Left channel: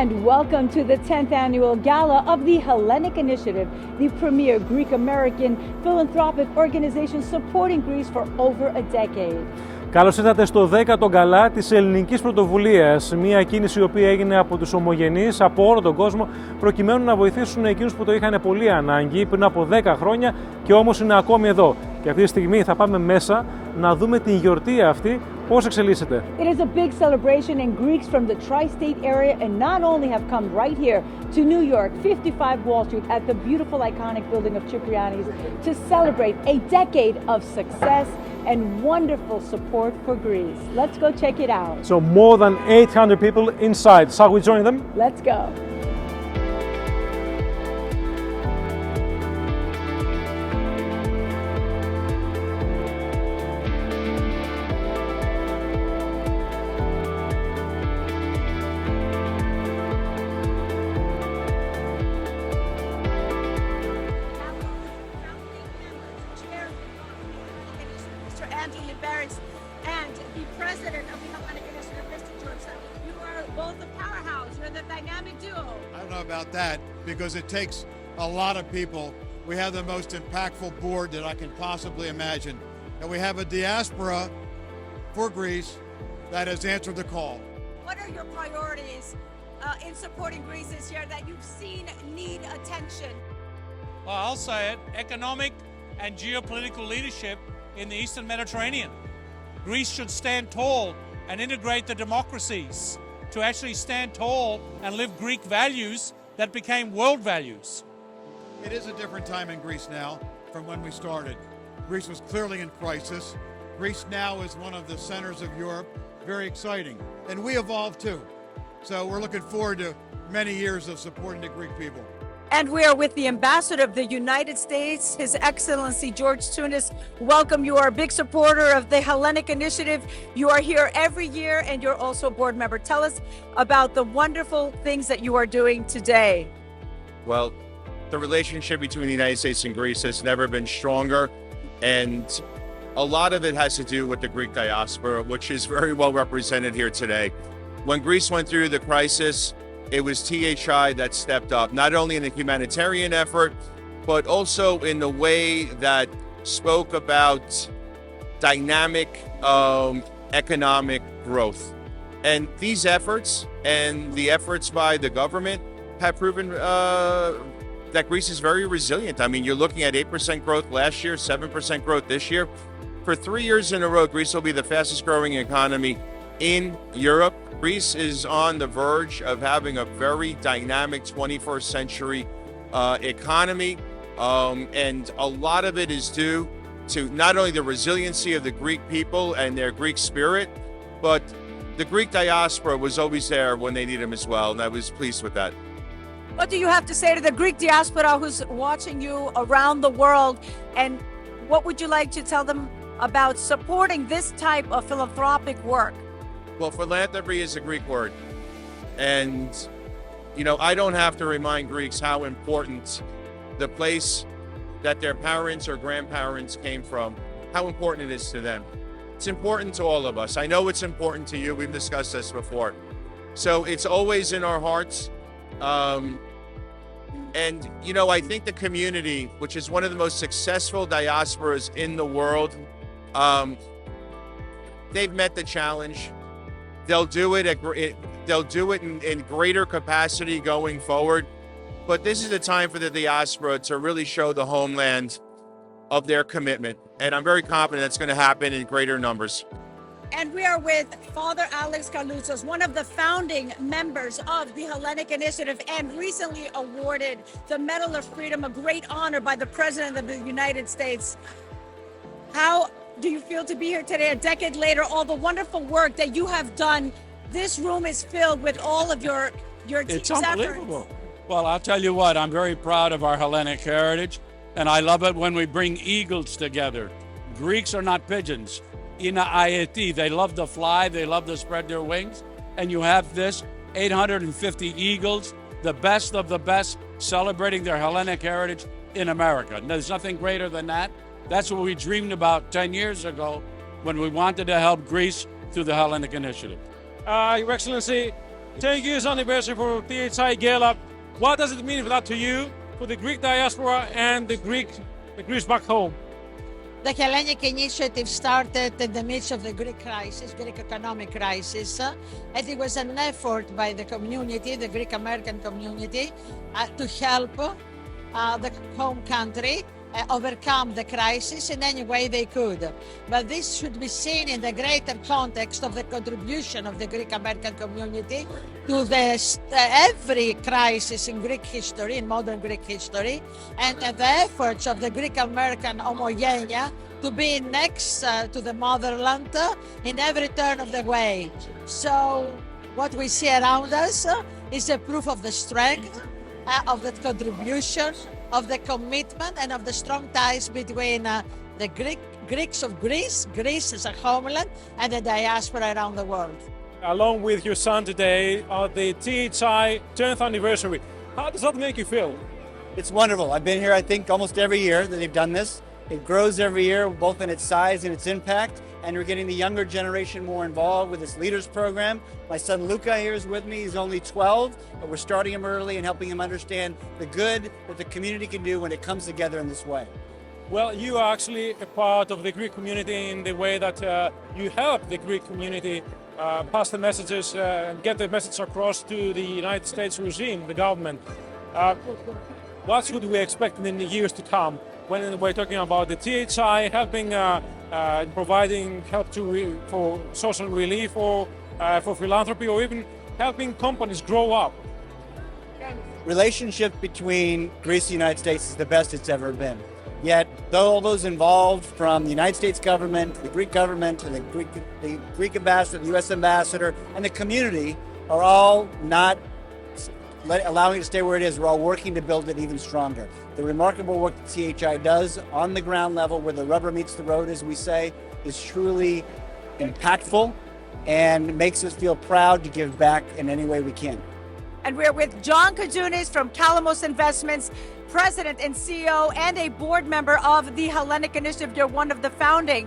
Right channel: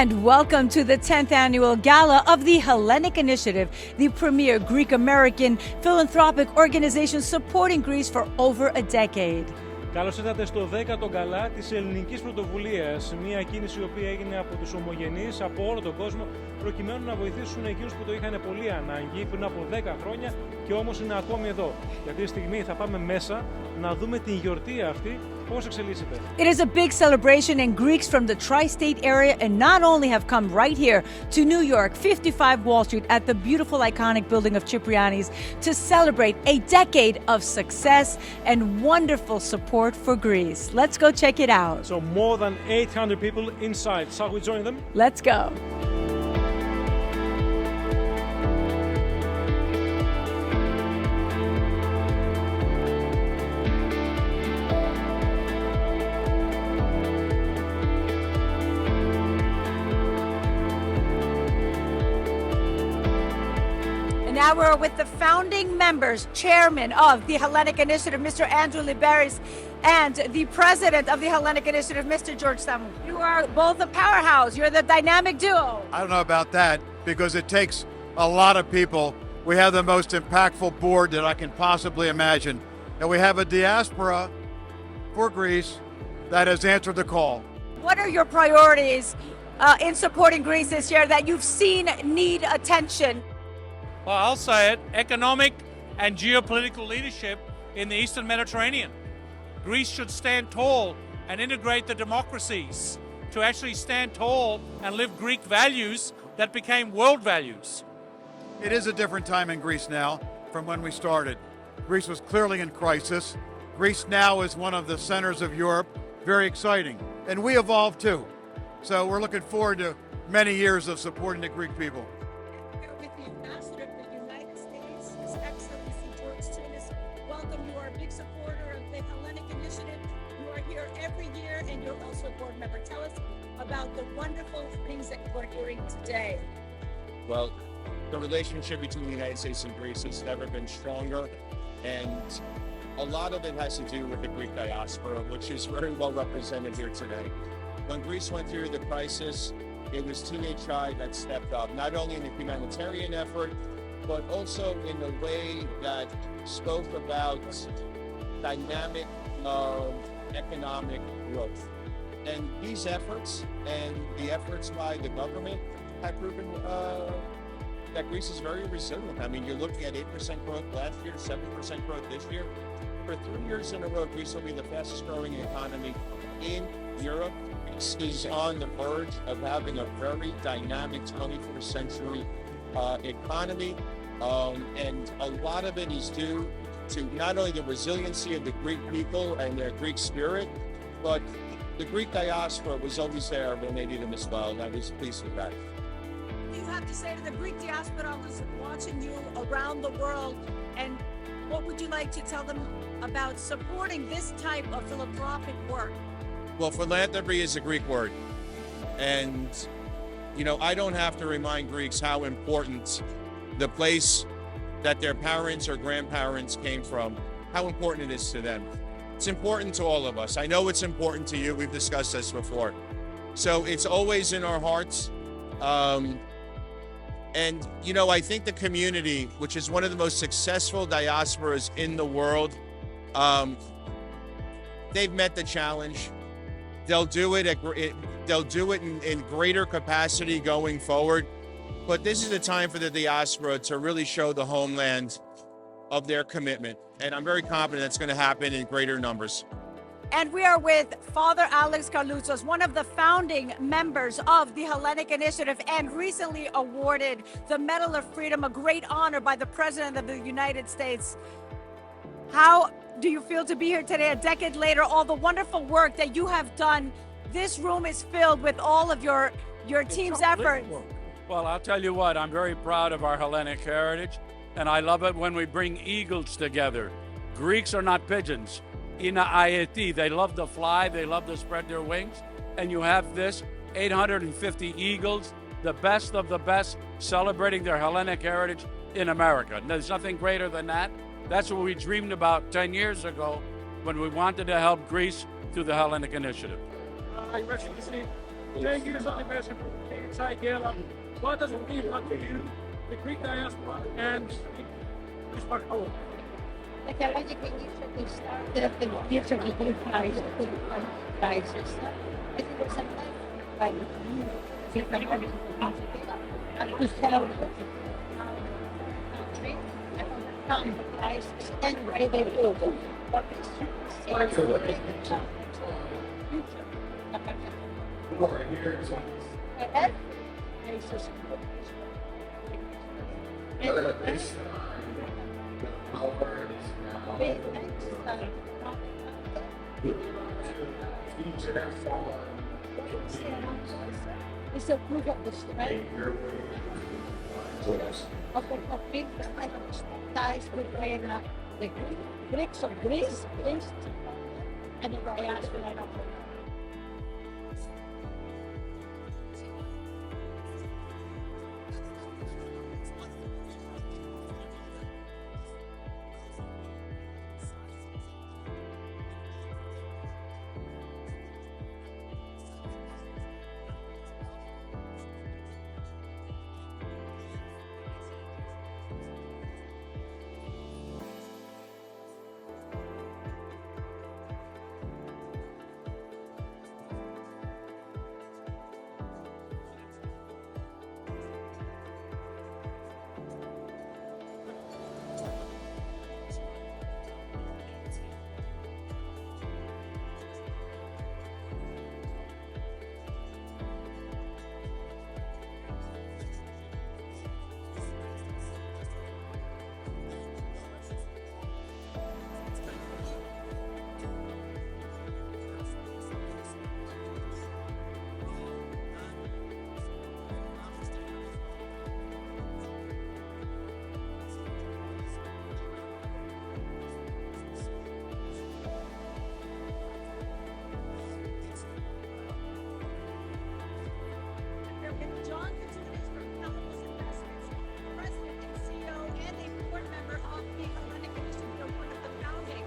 And welcome to the 10th Annual Gala of the Hellenic Initiative, the premier Greek-American philanthropic organization supporting Greece for over a decade. Καλώς ήρθατε στο 10ο Γκαλά της Ελληνικής Πρωτοβουλίας, μια κίνηση η οποία έγινε από τους ομογενείς από όλο τον κόσμο προκειμένου να βοηθήσουν εκείνους που το είχαν πολύ ανάγκη πριν από 10 χρόνια και όμως είναι ακόμη εδώ. Και αυτή τη στιγμή θα πάμε μέσα να δούμε την γιορτή αυτή πώς εξελίσσεται. It is a big celebration and Greeks from the tri-state area and not only have come right here to New York, 55 Wall Street at the beautiful iconic building of Cipriani's to celebrate a decade of success and wonderful support for Greece. Let's go check it out. So more than 800 people inside. Shall we join them? Let's go. Now we're with the founding members, chairman of the Hellenic Initiative, Mr. Andrew Liberis, and the president of the Hellenic Initiative, Mr. George Samu. You are both a powerhouse. You're the dynamic duo. I don't know about that because it takes a lot of people. We have the most impactful board that I can possibly imagine. And we have a diaspora for Greece that has answered the call. What are your priorities in supporting Greece this year that you've seen need attention? Well, I'll say it, economic and geopolitical leadership in the Eastern Mediterranean. Greece should stand tall and integrate the democracies to actually stand tall and live Greek values that became world values. It is a different time in Greece now from when we started. Greece was clearly in crisis. Greece now is one of the centers of Europe. Very exciting. And we evolved too. So we're looking forward to many years of supporting the Greek people. And we are with the ambassador of the United States, His Excellency George Tunis. Welcome. You are a big supporter of the Hellenic Initiative. You are here every year and you're also a board member. Tell us about the wonderful things that you are doing today. Well, the relationship between the United States and Greece has never been stronger. And a lot of it has to do with the Greek diaspora, which is very well represented here today. When Greece went through the crisis, it was THI that stepped up, not only in the humanitarian effort, but also in the way that spoke about dynamic economic growth. And these efforts and the efforts by the government have proven that Greece is very resilient. I mean, you're looking at 8% growth last year, 7% growth this year. For 3 years in a row, Greece will be the fastest growing economy in Europe. Greece is on the verge of having a very dynamic 21st century economy. And a lot of it is due to not only the resiliency of the Greek people and their Greek spirit, but the Greek diaspora was always there when they need them as well. And I was pleased with that. What do you have to say to the Greek diaspora who's watching you around the world? And what would you like to tell them about supporting this type of philanthropic work? Well, philanthropy is a Greek word. And, you know, I don't have to remind Greeks how important the place that their parents or grandparents came from, how important it is to them. It's important to all of us. I know it's important to you. We've discussed this before. So it's always in our hearts. And, you know, I think the community, which is one of the most successful diasporas in the world, they've met the challenge. They'll do it in greater capacity going forward. But this is a time for the diaspora to really show the homeland of their commitment. And I'm very confident that's going to happen in greater numbers. And we are with Father Alex Carloutzos, one of the founding members of the Hellenic Initiative and recently awarded the Medal of Freedom, a great honor by the President of the United States. How do you feel to be here today, a decade later, all the wonderful work that you have done? This room is filled with all of your team's It's efforts. unbelievable. Well, I'll tell you what, I'm very proud of our Hellenic heritage, and I love it when we bring eagles together. Greeks are not pigeons. In ERT, they love to fly, they love to spread their wings, and you have this 850 eagles, the best of the best, celebrating their Hellenic heritage in America. There's nothing greater than that. That's what we dreamed about 10 years ago when we wanted to help Greece through the Hellenic Initiative. Your Excellency, 10 years anniversary for THI Gala. What does it mean for that to you, for the Greek diaspora and the Greece back home? The Hellenic Initiative started in the midst of the Greek crisis, Greek economic crisis, and it was an effort by the community, the Greek American community, to help the home country overcome the crisis in any way they could. But this should be seen in the greater context of the contribution of the Greek American community to every crisis in Greek history, in modern Greek history, and the efforts of the Greek American homogenia to be next to the motherland in every turn of the way. So what we see around us is a proof of the strength, of the contribution, of the commitment, and of the strong ties between the Greeks of Greece, Greece as a homeland, and the diaspora around the world. Along with your son today at the THI 10th anniversary, how does that make you feel? It's wonderful. I've been here, I think, almost every year that they've done this. It grows every year, both in its size and its impact, and we're getting the younger generation more involved with this Leaders Program. My son Luca here is with me. He's only 12, but we're starting him early and helping him understand the good that the community can do when it comes together in this way. Well, you are actually a part of the Greek community in the way that you help the Greek community pass the messages and get the message across to the United States regime, the government. What should we expect in the years to come when we're talking about the THI helping, providing help for social relief or for philanthropy, or even helping companies grow up? Relationship between Greece and the United States is the best it's ever been. Yet, all those involved, from the United States government, the Greek government, to the Greek ambassador, the U.S. ambassador, and the community, are all not allowing it to stay where it is. We're all working to build it even stronger. The remarkable work that THI does on the ground level, where the rubber meets the road, as we say, is truly impactful and makes us feel proud to give back in any way we can. And we're with John Kajunis from Calamos Investments, President and CEO, and a board member of the Hellenic Initiative. You're one of the founding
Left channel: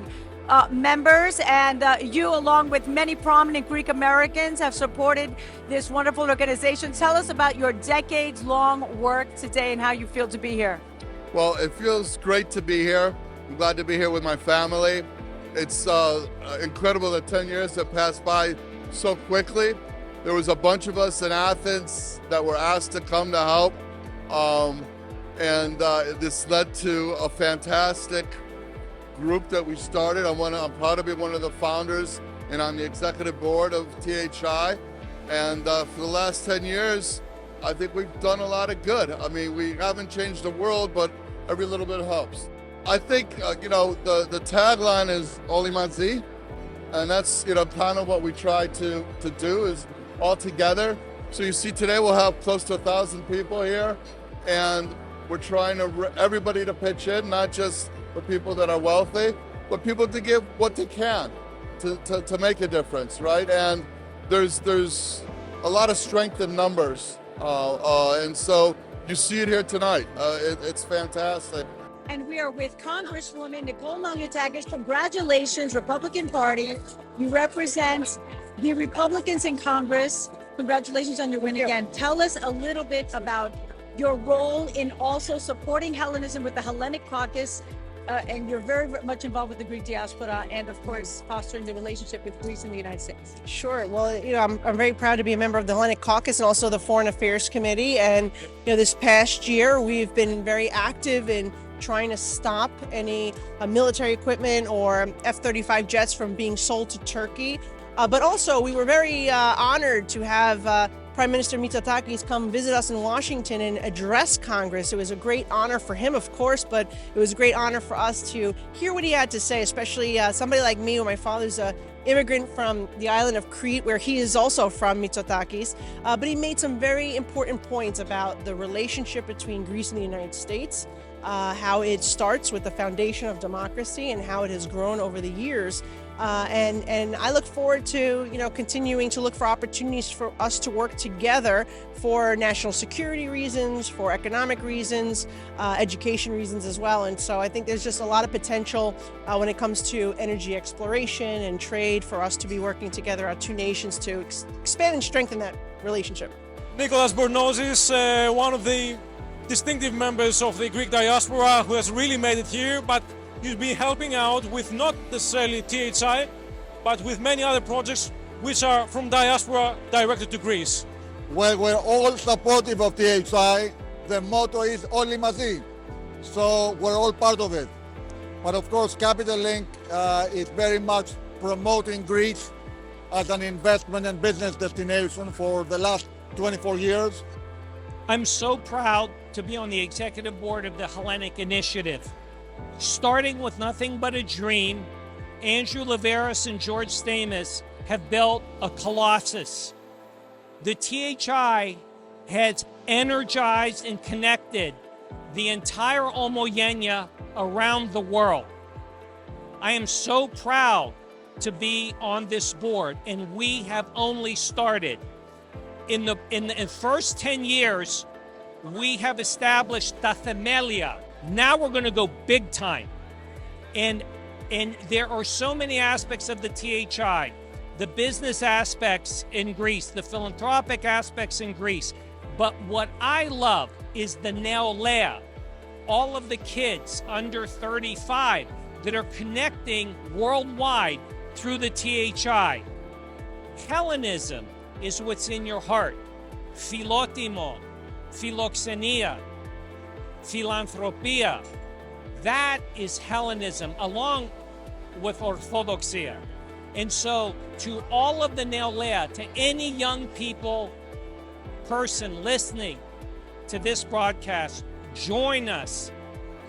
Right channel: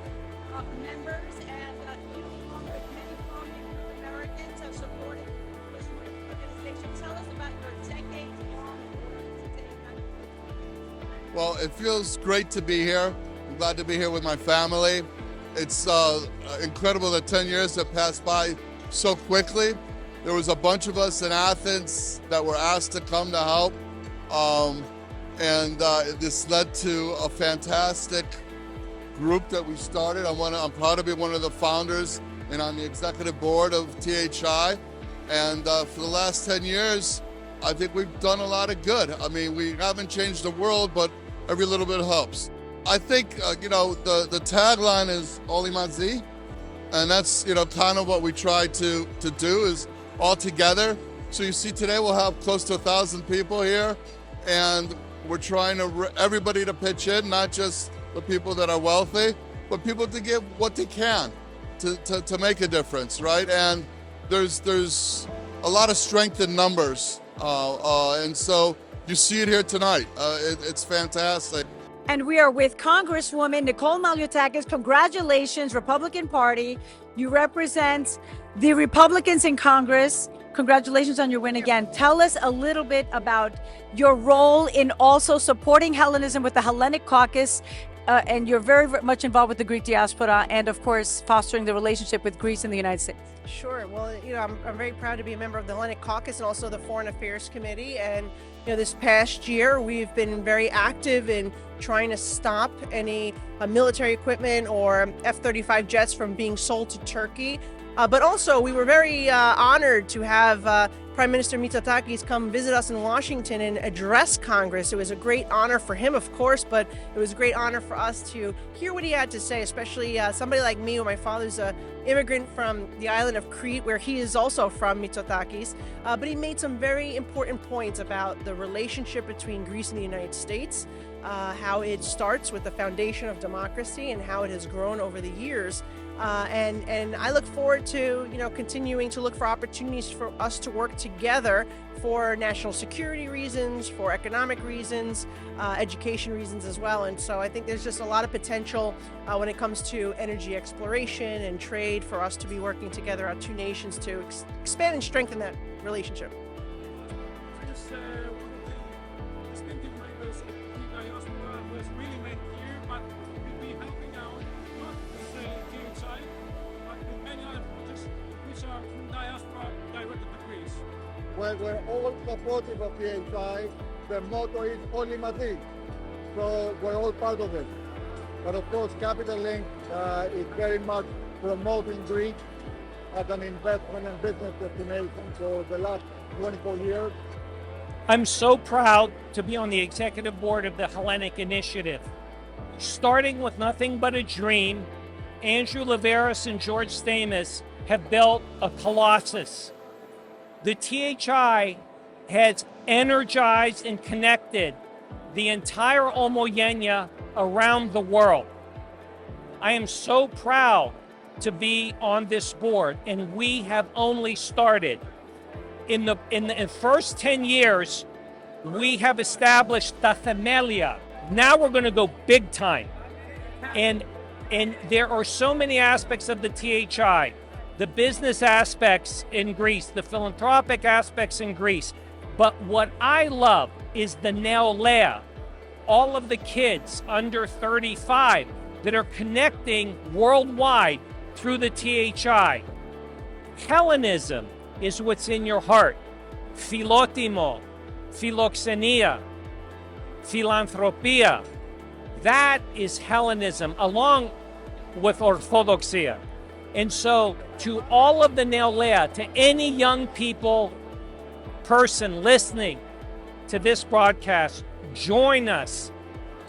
members, and you, along with many prominent Greek Americans, have supported this wonderful organization. Tell us about your decades-long work today and how you feel to be here. Well, it feels great to be here. I'm glad to be here with my family. It's incredible that 10 years have passed by so quickly. There was a bunch of us in Athens that were asked to come to help, and this led to a fantastic group that we started. I'm proud to be one of the founders and on the executive board of THI. And for the last 10 years, I think we've done a lot of good. I mean, we haven't changed the world, but every little bit helps. I think, the tagline is Oli Mazi, and that's, kind of what we try to do is all together. So you see today we'll have close to 1,000 people here, and we're trying to everybody to pitch in, not just the people that are wealthy, but people to give what they can to make a difference, right? And there's a lot of strength in numbers, and so you see it here tonight. It's fantastic. And we are with Congresswoman Nicole Maliotakis. Congratulations, Republican Party. You represent the Republicans in Congress. Congratulations on your win again. Tell us a little bit about your role in also supporting Hellenism with the Hellenic Caucus, and you're very, very much involved with the Greek diaspora and, of course, fostering the relationship with Greece and the United States. Sure. Well, I'm very proud to be a member of the Hellenic Caucus and also the Foreign Affairs Committee. And, this past year, we've been very active in trying to stop any military equipment or F-35 jets from being sold to Turkey. But also, we were very honored to have Prime Minister Mitsotakis come visit us in Washington and address Congress. It was a great honor for him, of course, but it was a great honor for us to hear what he had to say, especially somebody like me, who my father's an immigrant from the island of Crete, where he is also from, Mitsotakis. But he made some very important points about the relationship between Greece and the United States, how it starts with the foundation of democracy and how it has grown over the years. And I look forward to, continuing to look for opportunities for us to work together for national security reasons, for economic reasons, education reasons as well. And so I think there's just a lot of potential when it comes to energy exploration and trade for us to be working together, our two nations, to expand and strengthen that relationship. Nicholas Bornozis, one of the distinctive members of the Greek diaspora who has really made it here, but you've been helping out with not necessarily THI, but with many other projects which are from diaspora directed to Greece. Well, we're all supportive of THI. The motto is Όλοι μαζί. So we're all part of it. But of course, Capital Link is very much promoting Greece as an investment and business destination for the last 24 years. I'm so proud to be on the executive board of the Hellenic Initiative. Starting with nothing but a dream, Andrew Liveris and George Stamos have built a colossus. The THI has energized and connected the entire Omogenia around the world. I am so proud to be on this board, and we have only started. In the first 10 years, we have established the Themelia. Now we're going to go big time. And there are so many aspects of the THI, the business aspects in Greece, the philanthropic aspects in Greece. But what I love is the Neolea, all of the kids under 35 that are connecting worldwide through the THI. Hellenism is what's in your heart. Philotimo, philoxenia, philanthropia. That is Hellenism, along with Orthodoxia. And so, to all of the Neolea, to any young person listening to this broadcast, join us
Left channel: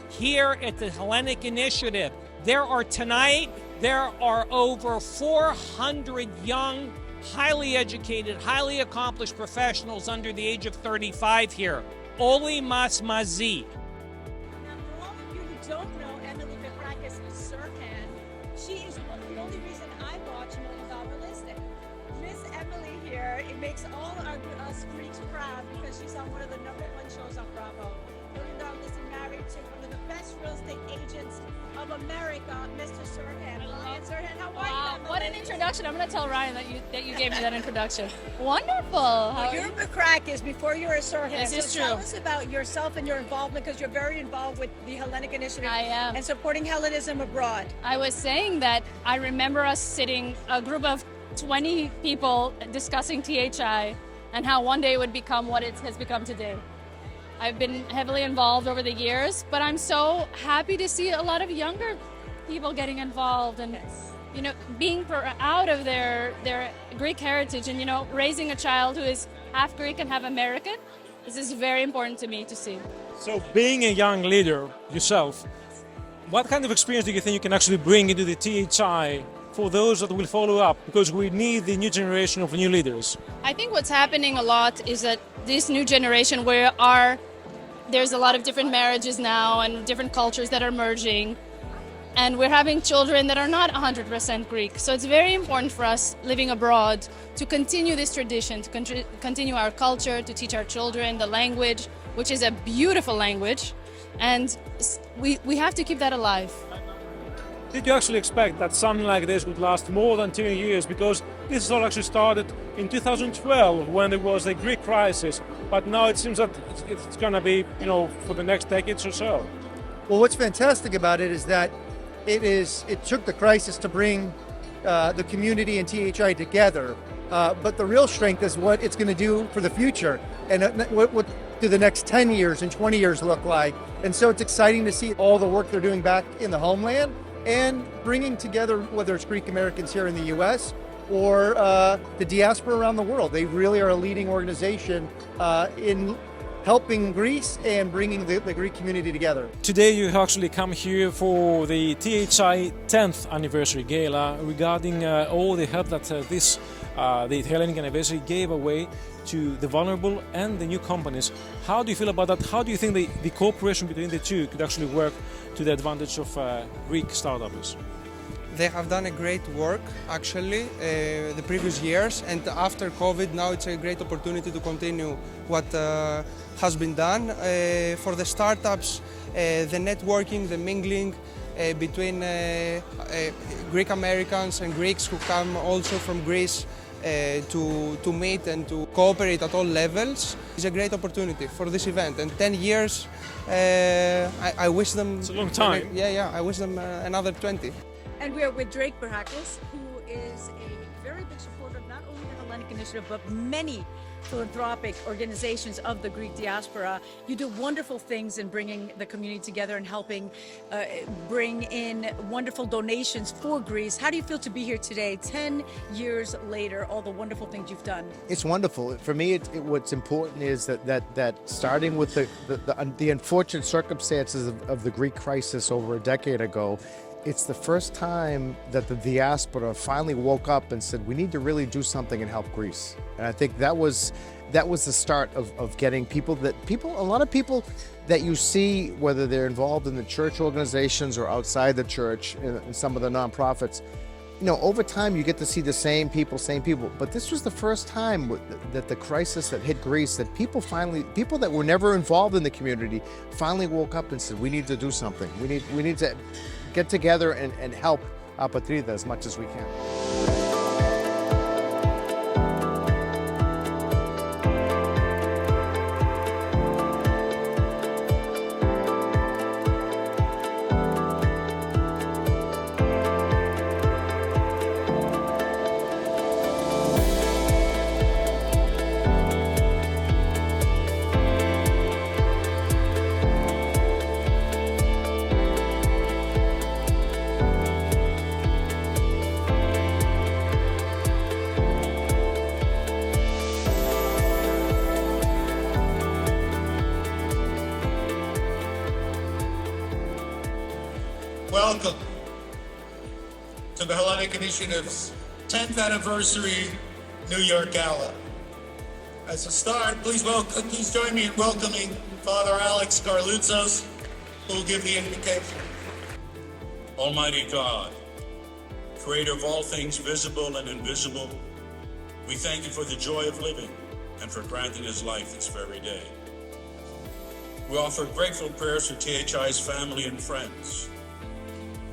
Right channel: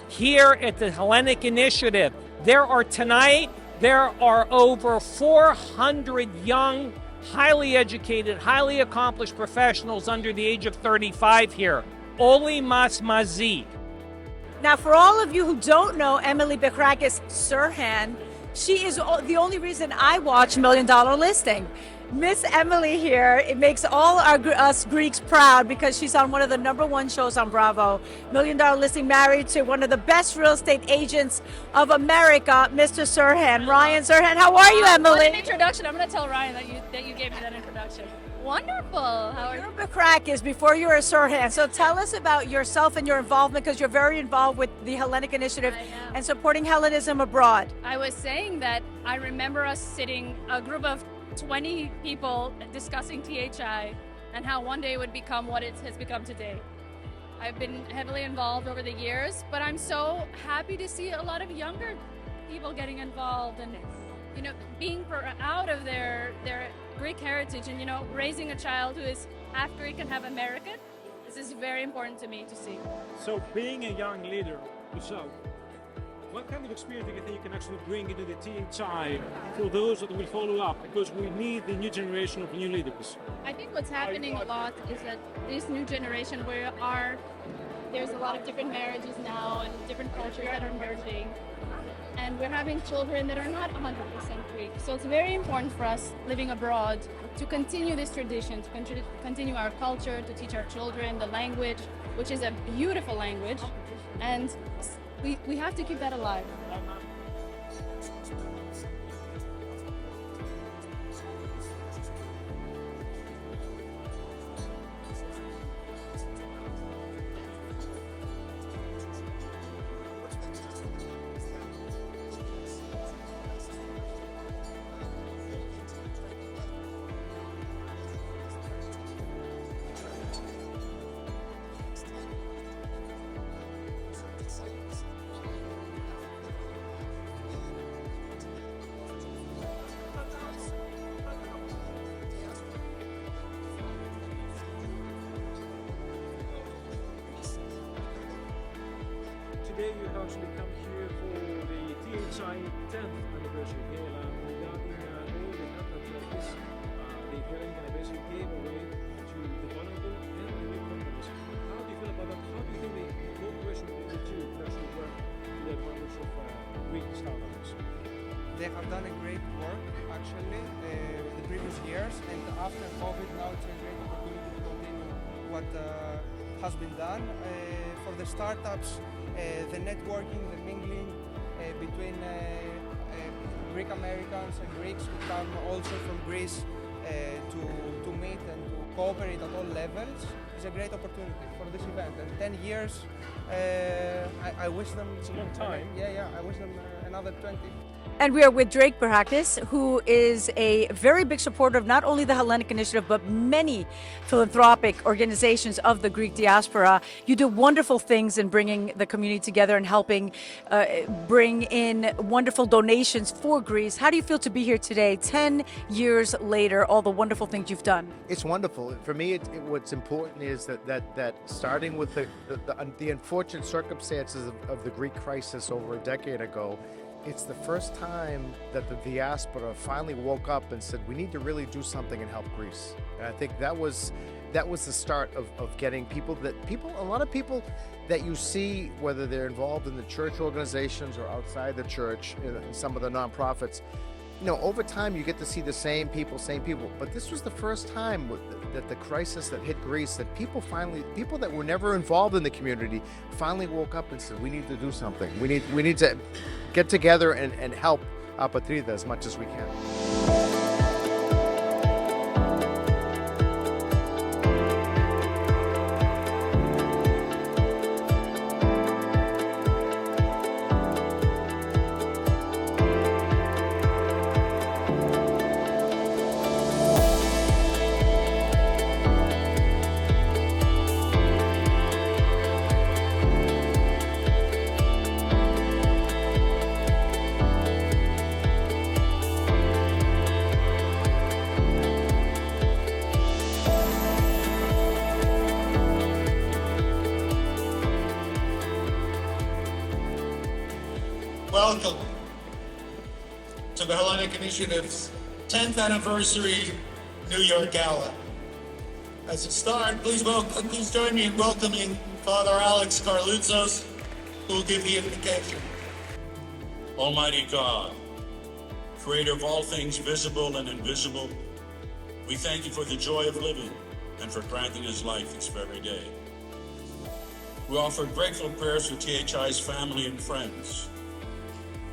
here at the Hellenic Initiative. There are over 400 young, highly educated, highly accomplished professionals under the age of 35 here. Όλοι μας μαζί. Now, for all of you who don't know Emily Bekrakis Sirhan, she is the only reason I watch $1 Million Listing. Miss Emily here, it makes all us Greeks proud because she's on one of the #1 shows on Bravo. $1 Million Listing, married to one of the best real estate agents of America, Mr. Sirhan. Ryan Sirhan, how are you, Emily? What an introduction. I'm going to tell Ryan that you gave me that introduction. Wonderful. Well, you're Bekrakis before you were Sirhan. So tell us about yourself and your involvement, because you're very involved with the Hellenic Initiative. I am. And supporting Hellenism abroad. I was saying that I remember us sitting, a group of 20 people discussing THI and how one day it would become what it has become today. I've been heavily involved over the years, but I'm so happy to see a lot of younger people getting involved and, you know, being proud of their Greek heritage and, you know, raising a child who is half Greek and half American. This is very important to me to see. So being a young leader yourself, what kind of experience do you think you can actually bring into the THI for those that will follow up? Because we need the new generation of new leaders. I think what's happening a lot is that this new generation there's a lot of different marriages now and different cultures that are merging. And we're having children that are not 100% Greek. So it's very important for us living abroad to continue this tradition, to continue our culture, to teach our children the language, which is a beautiful language. And we have to keep that alive. Did you actually expect that something like this would last more than 2 years? Because this all actually started in 2012 when there was a Greek crisis, but now it seems that it's going to be, you know, for the next decades or so. Well, what's fantastic about it is that it took the crisis to bring the community and THI together, but the real strength is what it's going to do for the future, and what do the next 10 years and 20 years look like. And so it's exciting to see all the work they're doing back in the homeland and bringing together, whether it's Greek Americans here in the U.S. or the diaspora around the world. They really are a leading organization in helping Greece and bringing the Greek community together. Today you actually come here for the THI 10th anniversary gala regarding all the help that the Hellenic Anniversary gave away to the vulnerable and the new companies. How do you feel about that? How do you think the cooperation between the two could actually work to the advantage of Greek startups? They have done a great work actually the previous years, and after COVID now it's a great opportunity to continue what has been done. For the startups, the networking, the mingling between Greek Americans and Greeks who come also from Greece to meet and to cooperate at all levels is a great opportunity for this event. And 10 years, I wish them... It's a long time. Yeah, I wish them another 20. And we are with Drake Barakis, who is a very big supporter of not only the Hellenic Initiative, but many philanthropic organizations of the Greek diaspora. You do wonderful things in bringing the community together and helping bring in wonderful donations for Greece. How do you feel to be here today, 10 years later, all the wonderful things you've done? It's wonderful. For me, what's important is that starting with the unfortunate circumstances of the Greek crisis over a decade ago, it's the first time that the diaspora finally woke up and said, we need to really do something and help Greece. And I think that was the start of getting a lot of people that you see, whether they're involved in the church organizations or outside the church, in some of the nonprofits, over time you get to see the same people. But this was the first time that the crisis that hit Greece, that people that were never involved in the community finally woke up and said, we need to do something. We need to get together and help our Patrida as much as we can. Welcome to the Hellenic Initiative's 10th anniversary New York Gala. As a start, please join me in welcoming Father Alex Karloutsos, who will give the invocation. Almighty God, creator of all things visible and invisible, we thank you for the joy of living and for granting us life this very day. We offer grateful prayers to THI's family and friends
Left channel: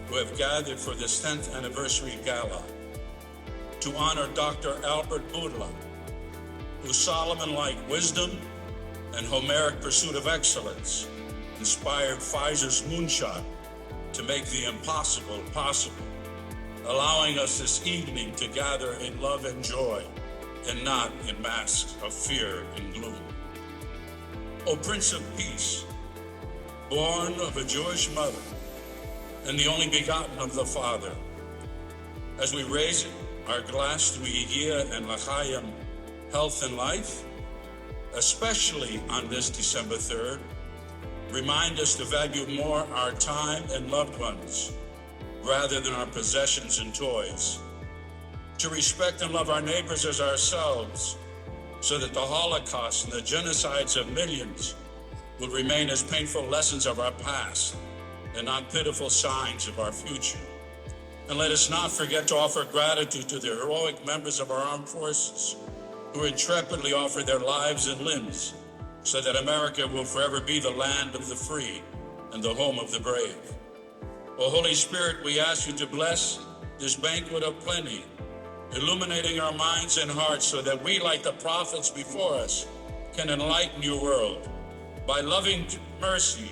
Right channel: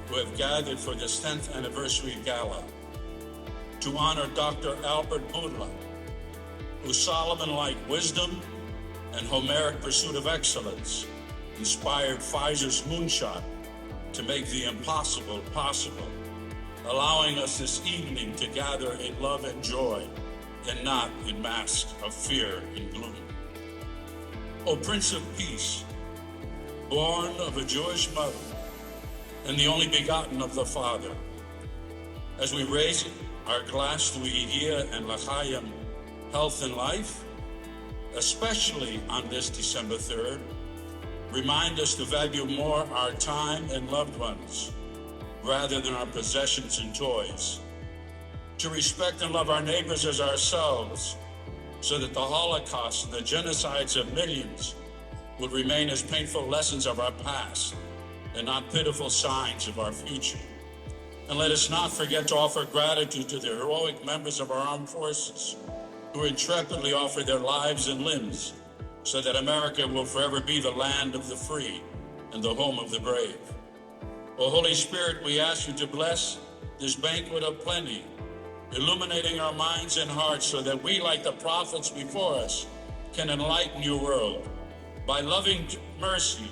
who have gathered for this 10th anniversary gala to honor Dr. Albert Bourla, whose Solomon-like wisdom and Homeric pursuit of excellence inspired Pfizer's moonshot to make the impossible possible, allowing us this evening to gather in love and joy and not in masks of fear and gloom. O Prince of Peace, born of a Jewish mother and the only begotten of the Father, as we raise our glass to Υγεία and L'chaim, health and life, especially on this December 3rd, remind us to value more our time and loved ones rather than our possessions and toys, to respect and love our neighbors as ourselves, so that the Holocaust and the genocides of millions will remain as painful lessons of our past and not pitiful signs of our future. And let us not forget to offer gratitude to the heroic members of our armed forces who intrepidly offer their lives and limbs so that America will forever be the land of the free and the home of the brave. O Holy Spirit, we ask you to bless this banquet of plenty, illuminating our minds and hearts so that we, like the prophets before us, can enlighten your world by loving mercy,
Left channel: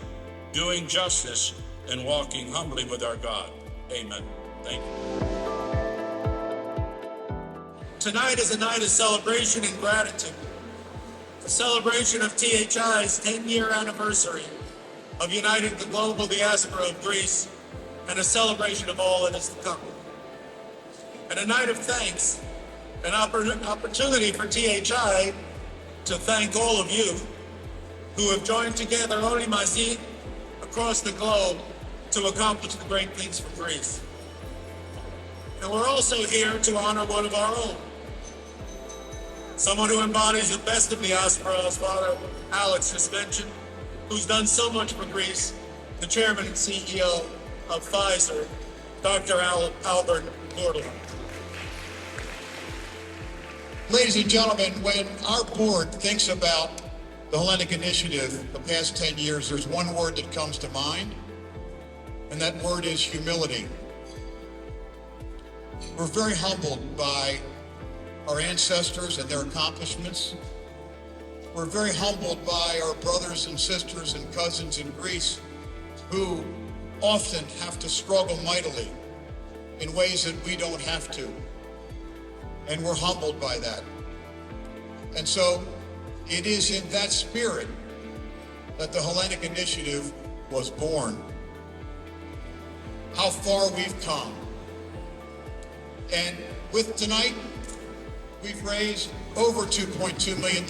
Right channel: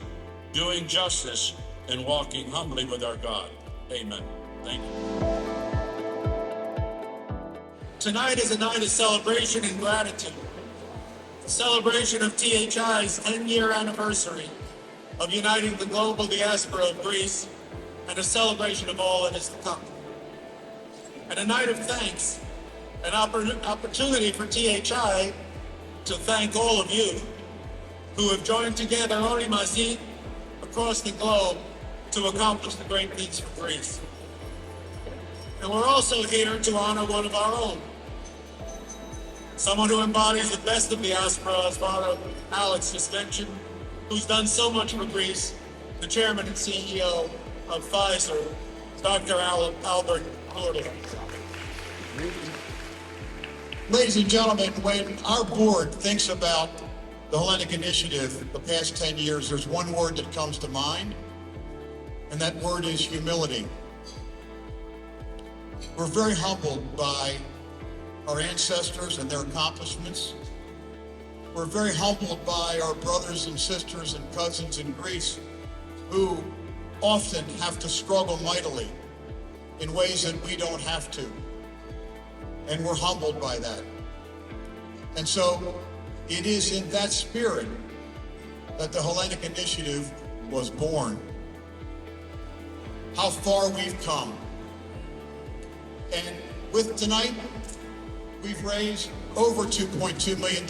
doing justice, and walking humbly with our God. Amen. Thank you. Tonight is a night of celebration and gratitude, a celebration of THI's 10-year anniversary of uniting the global diaspora of Greece, and a celebration of all that is to come. And a night of thanks, an opportunity for THI to thank all of you who have joined together Ori Mazi across the globe to accomplish the great things for Greece. And we're also here to honor one of our own, someone who embodies the best of diaspora, as Father Alex just mentioned, who's done so much for Greece, the chairman and CEO of Pfizer, Dr. Albert Bourla. Ladies and gentlemen, when our board thinks about the Hellenic Initiative the past 10 years, there's one word that comes to mind, and that word is humility. We're very humbled by our ancestors and their accomplishments. We're very humbled by our brothers and sisters and cousins in Greece who often have to struggle mightily in ways that we don't have to. And we're humbled by that. And so it is in that spirit that the Hellenic Initiative was born. How far we've come. And with tonight, we've raised over $2.2 million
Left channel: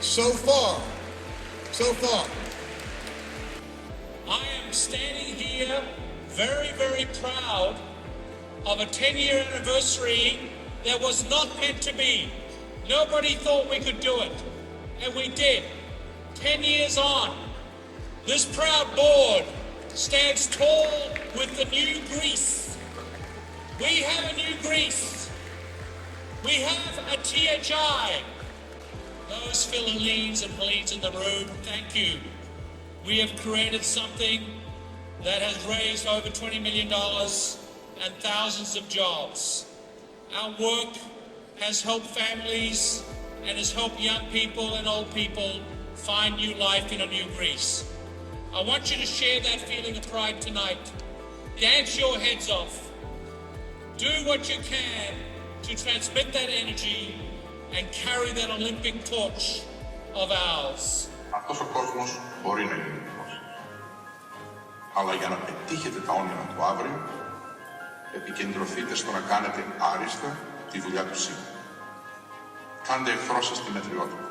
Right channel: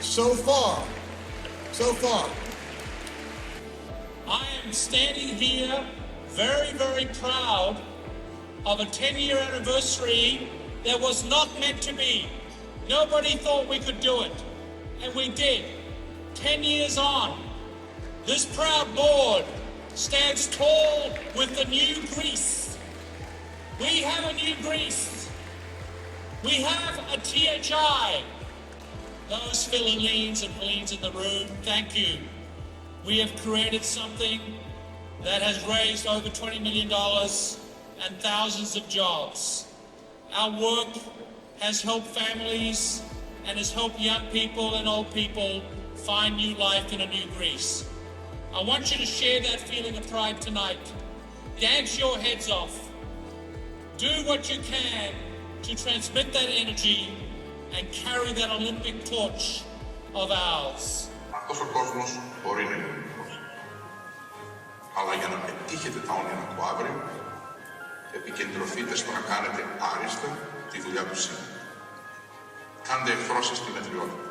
so far. I am standing here very, very proud of a 10-year anniversary that was not meant to be. Nobody thought we could do it, and we did. 10 years on, this proud board stands tall with the new Greece. We have a new Greece. We have a THI. Those Philhellenes and Hellenes in the room, thank you. We have created something that has raised over $20 million and thousands of jobs. Our work has helped families and has helped young people and old people find new life in a new Greece. I want you to share that feeling of pride tonight. Dance your heads off. Do what you can to transmit that energy and carry that Olympic torch of ours. Αυτός ο κόσμος μπορεί να είναι ελληνικός. Αλλά για να πετύχετε τα όνειρα του αύριο, επικεντρωθείτε στο να κάνετε άριστα τη δουλειά του σήμερα. Κάντε εχθρό σας τη μετριότητα.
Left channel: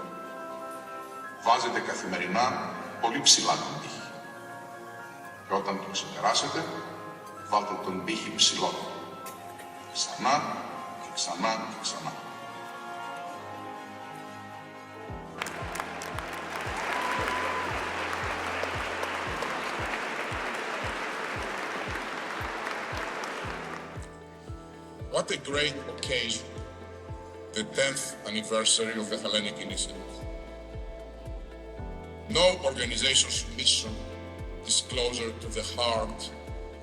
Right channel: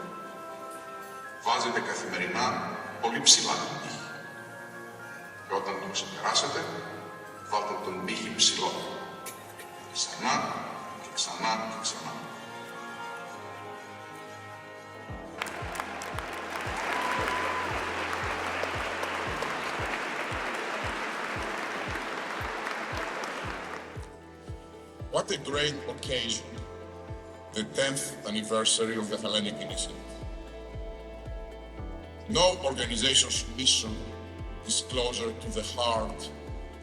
Βάζετε καθημερινά πολύ ψηλά τον πύχη. Και όταν το ξεπεράσετε, βάλτε τον πύχη ψηλότερα. Ξανά και ξανά και ξανά. What a great occasion, the 10th anniversary of the Hellenic Initiative. No organization's mission is closer to the heart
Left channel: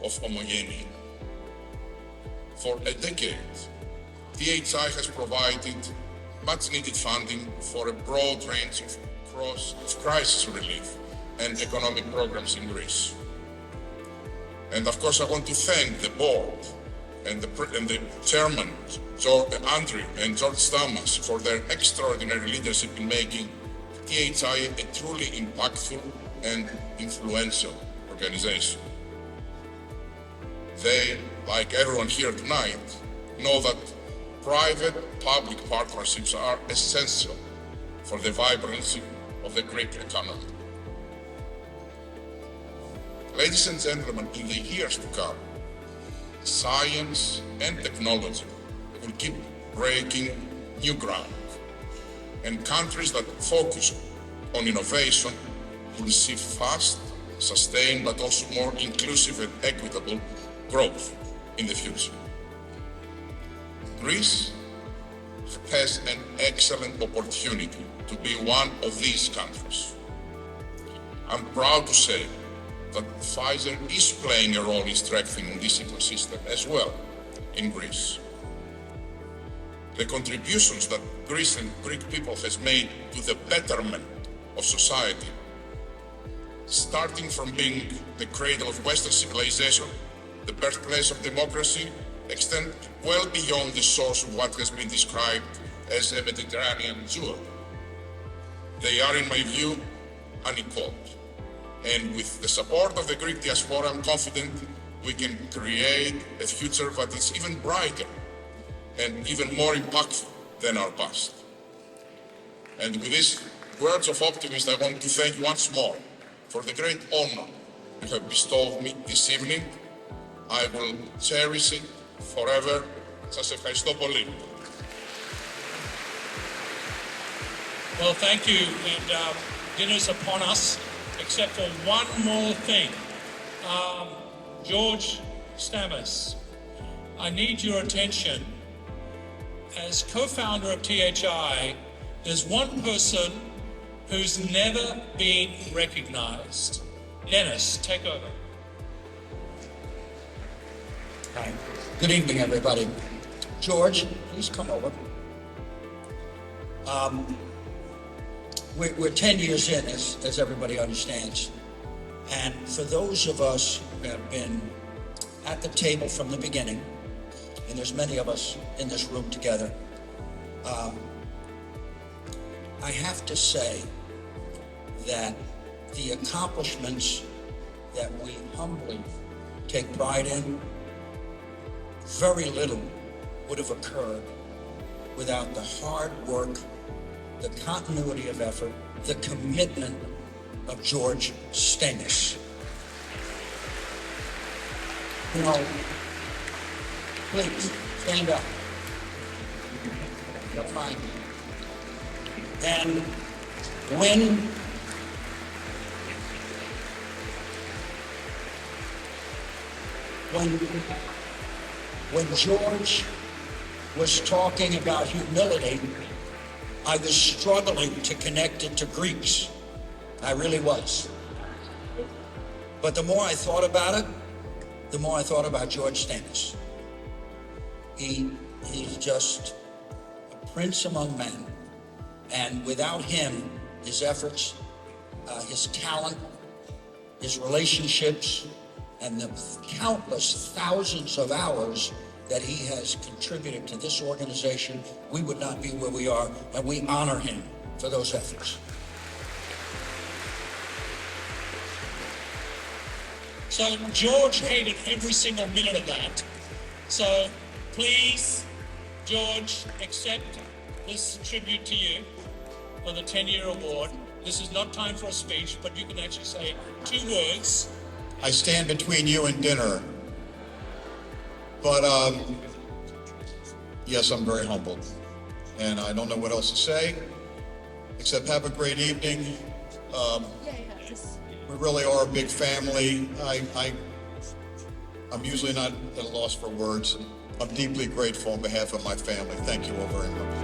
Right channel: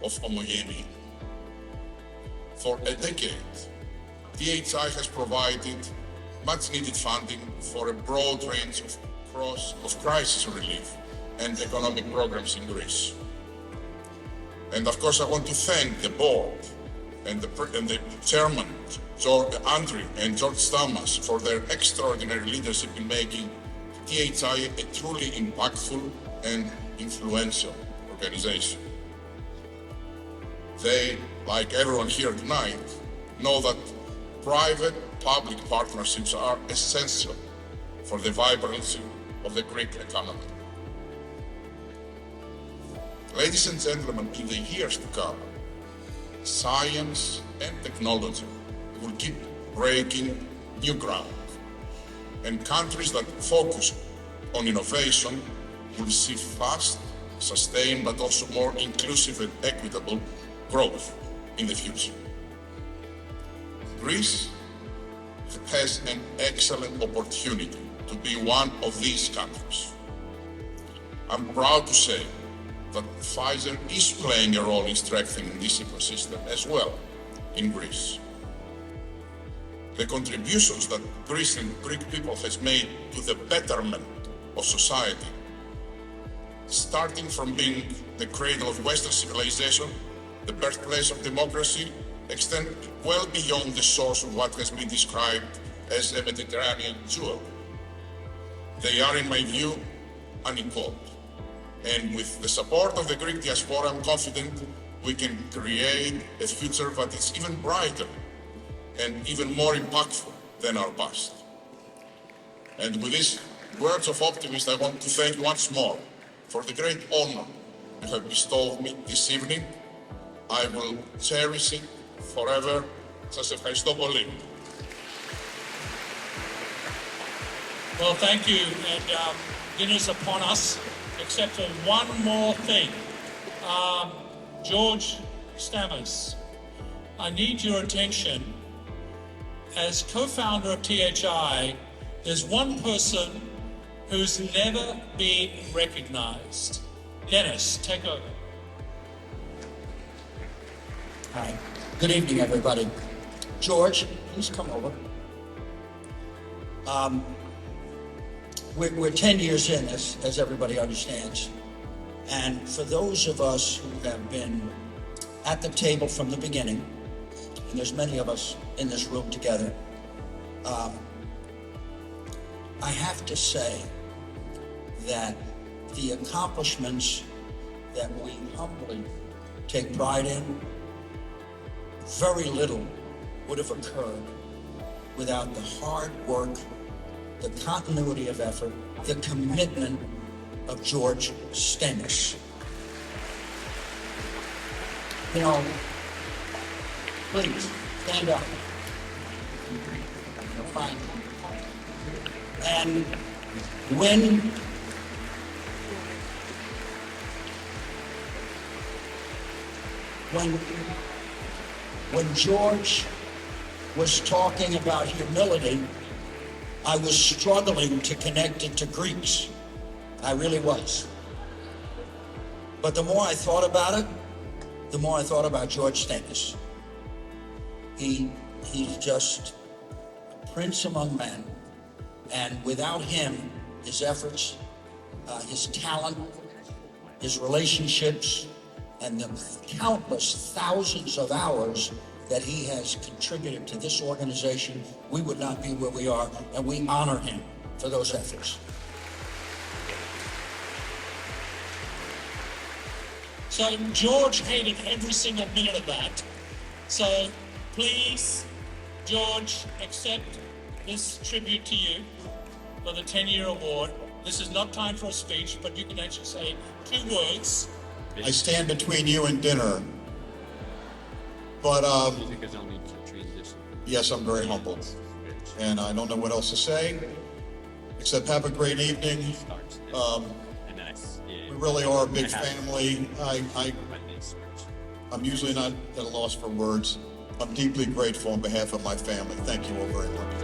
of homogeneity. For a decade, THI has provided much-needed funding for a broad range of crisis relief and economic programs in Greece. And of course, I want to thank the board and the chairman, Andrew and George Stamas, for their extraordinary leadership in making THI a truly impactful and influential organization. They, like everyone here tonight, know that private-public partnerships are essential for the vibrancy of the Greek economy. Ladies and gentlemen, in the years to come, science and technology will keep breaking new ground, and countries that focus on innovation will see fast, sustained, but also more inclusive and equitable growth in the future. Greece has an excellent opportunity to be one of these countries. I'm proud to say that Pfizer is playing a role in strengthening this ecosystem as well in Greece. The contributions that Greece and Greek people has made to the betterment of society, starting from being the cradle of Western civilization, the birthplace of democracy, extend well beyond the source of what has been described as a Mediterranean jewel. They are, in my view, unequaled. And with the support of the Greek diaspora, I'm confident we can create a future that is even brighter and even more impactful than our past. And with these words of optimism, I want to thank you once more for the great honor you have bestowed me this evening. I will cherish it forever. Σας ευχαριστώ πολύ. Well, thank you, and dinner's upon us, except for one more thing. George Stamas, I need your attention. As co-founder of THI, there's one person who's never been recognized. Yannis, take over. Hi. Good evening, everybody. George, please come over. We're 10 years in, as everybody understands. And for those of us who have been at the table from the beginning, and there's many of us in this room together, I have to say that the accomplishments that we humbly take pride in, very little would have occurred without the hard work, the continuity of effort, the commitment of George Stamos. You know, please, stand up. You're fine. And when George was talking about humility, I was struggling to connect it to Greeks. I really was. But the more I thought about it, the more I thought about George Stamos. He's just a prince among men. And without him, his efforts, his talent, his relationships, and the countless thousands of hours that he has contributed to this organization, we would not be where we are, and we honor him for those efforts. So George hated every single minute of that. So please, George, accept this tribute to you for the 10-year award. This is not time for a speech, but you can actually say 2 words. I stand between you and dinner. But yes, I'm very humbled. And I don't know what else to say, except have a great evening. We really are a big family. I'm usually not at a loss for words. I'm deeply grateful on behalf of my family. Thank you all very much.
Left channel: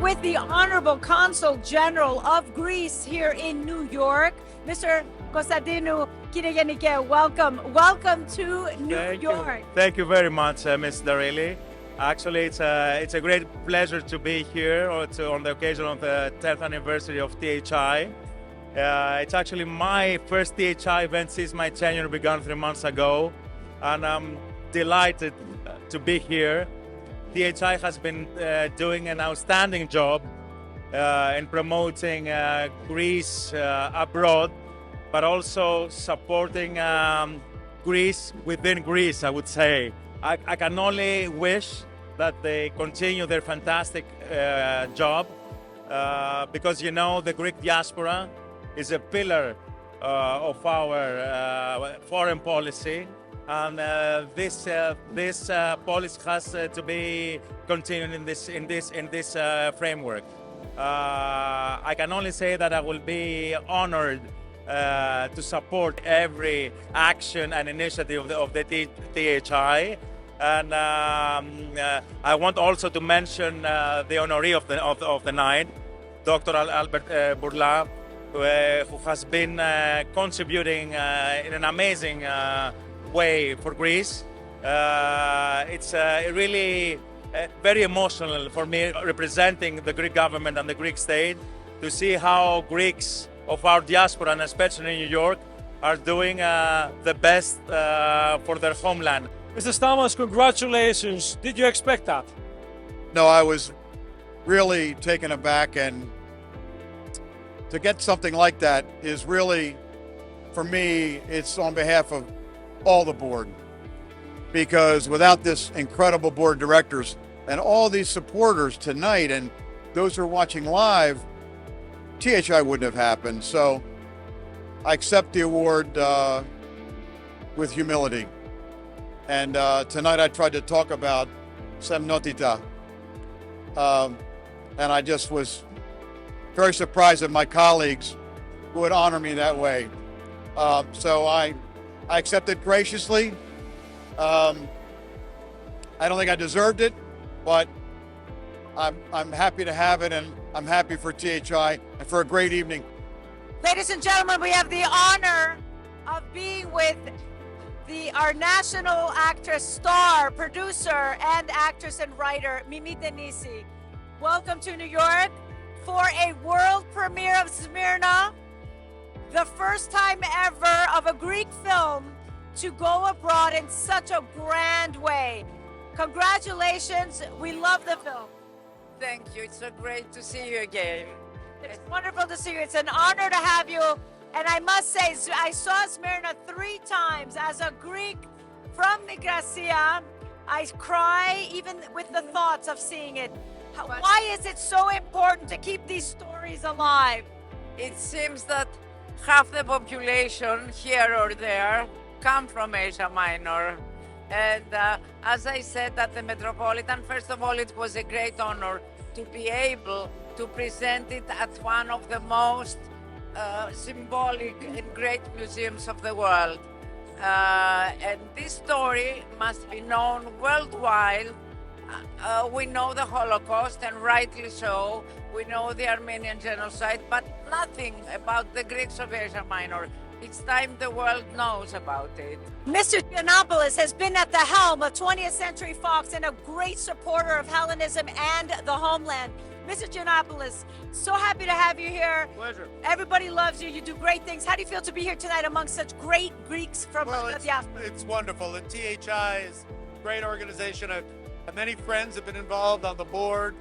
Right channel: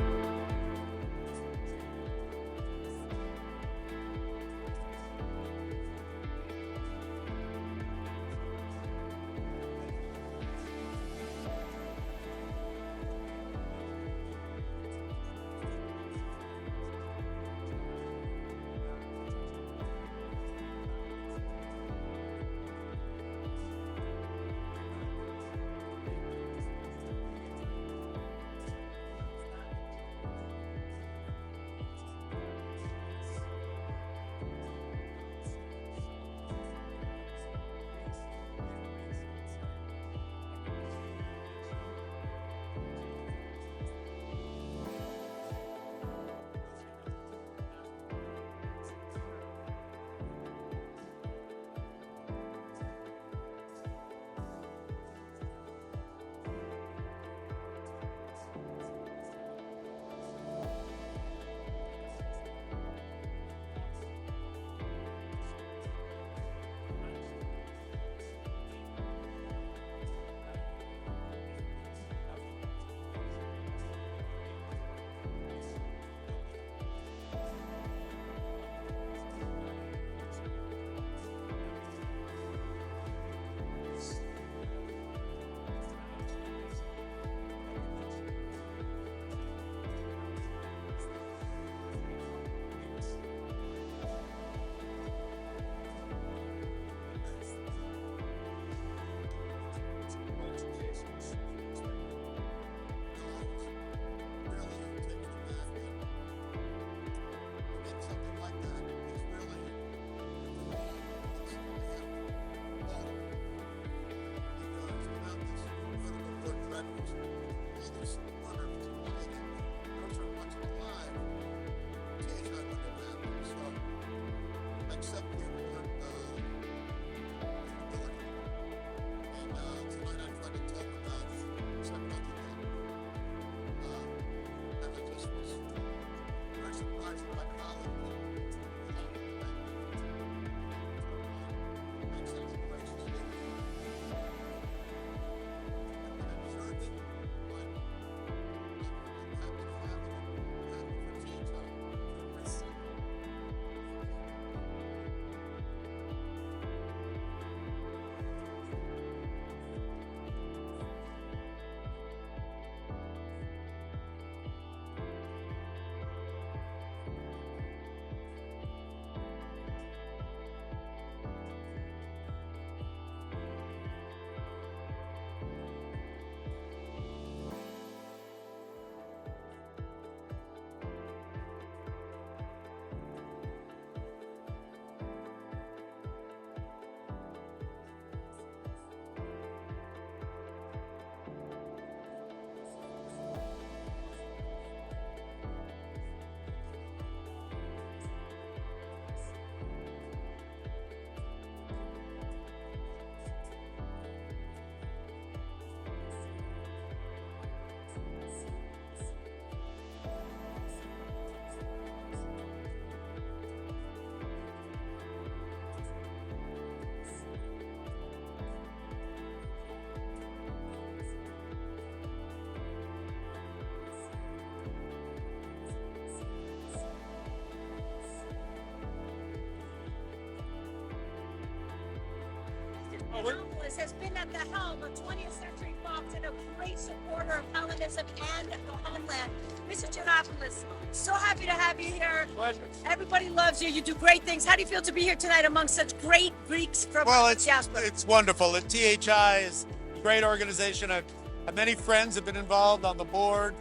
With the Honorable Consul General of Greece here in New York, Mr. Konstantinou Kyrianikè, welcome. Welcome to New York. Thank you very much, Ms. Darilis. Actually, it's a great pleasure to be here on the occasion of the 10th anniversary of THI. It's actually my first THI event since my tenure began 3 months ago, and I'm delighted to be here. THI has been doing an outstanding job in promoting Greece abroad, but also supporting Greece within Greece, I would say. I can only wish that they continue their fantastic job because, you know, the Greek diaspora is a pillar of our foreign policy. And this policy has to be continued in this framework. I can only say that I will be honored to support every action and initiative of the THI. And I want also to mention the honoree of the night, Dr. Albert Bourla, who has been contributing in an amazing way for Greece. It's really very emotional for me, representing the Greek government and the Greek state, to see how Greeks of our diaspora, and especially in New York, are doing the best for their homeland. Mr. Stamos, congratulations. Did you expect that? No, I was really taken aback, and to get something like that is really, for me, it's on behalf of all the board, because without this incredible board of directors and all these supporters tonight and those who are watching live, THI wouldn't have happened. So I accept the award with humility. And tonight I tried to talk about semnotita. And I just was very surprised that my colleagues who would honor me that way. So I accept it graciously. I don't think I deserved it, but I'm happy to have it, and I'm happy for THI and for a great evening. Ladies and gentlemen, we have the honor of being with our national actress, star, producer, and actress and writer, Mimi Denisi. Welcome to New York for a world premiere of Smyrna, the first time ever of a Greek film to go abroad in such a grand way. Congratulations, we love the film. Thank you, it's so great to see you again. It's wonderful to see you. It's an honor to have you. And I must say, I saw Smyrna 3 times as a Greek from Nigrasia. I cry even with the thoughts of seeing it. Why is it so important to keep these stories alive? It seems that half the population here or there come from Asia Minor. And as I said at the Metropolitan, first of all, it was a great honor to be able to present it at one of the most symbolic and great museums of the world. And this story must be known worldwide. We know the Holocaust, and rightly so. We know the Armenian genocide, but nothing about the Greeks of Asia Minor. It's time the world knows about it. Mr. Giannopoulos has been at the helm of 20th Century Fox and a great supporter of Hellenism and the homeland. Mr. Giannopoulos, so happy to have you here. Pleasure. Everybody loves you. You do great things. How do you feel to be here tonight among such great Greeks from the diaspora? It's wonderful. The THI is a great organization. Many friends have been involved on the board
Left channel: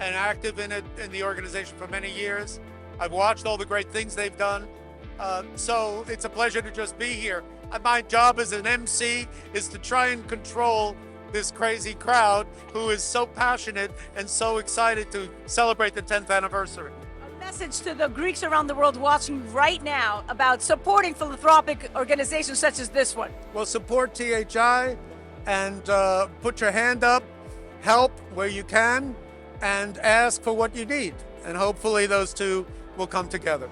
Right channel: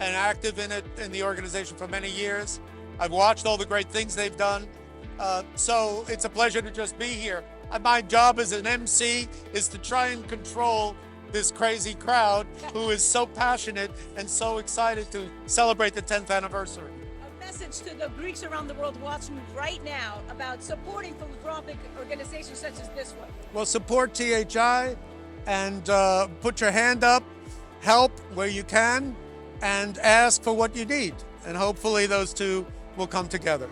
and active in it, in the organization for many years. I've watched all the great things they've done. So it's a pleasure to just be here. My job as an MC is to try and control this crazy crowd who is so passionate and so excited to celebrate the 10th anniversary. A message to the Greeks around the world watching right now about supporting philanthropic organizations such as this one. Well, support THI and put your hand up, help where you can, and ask for what you need. And hopefully those two will come together.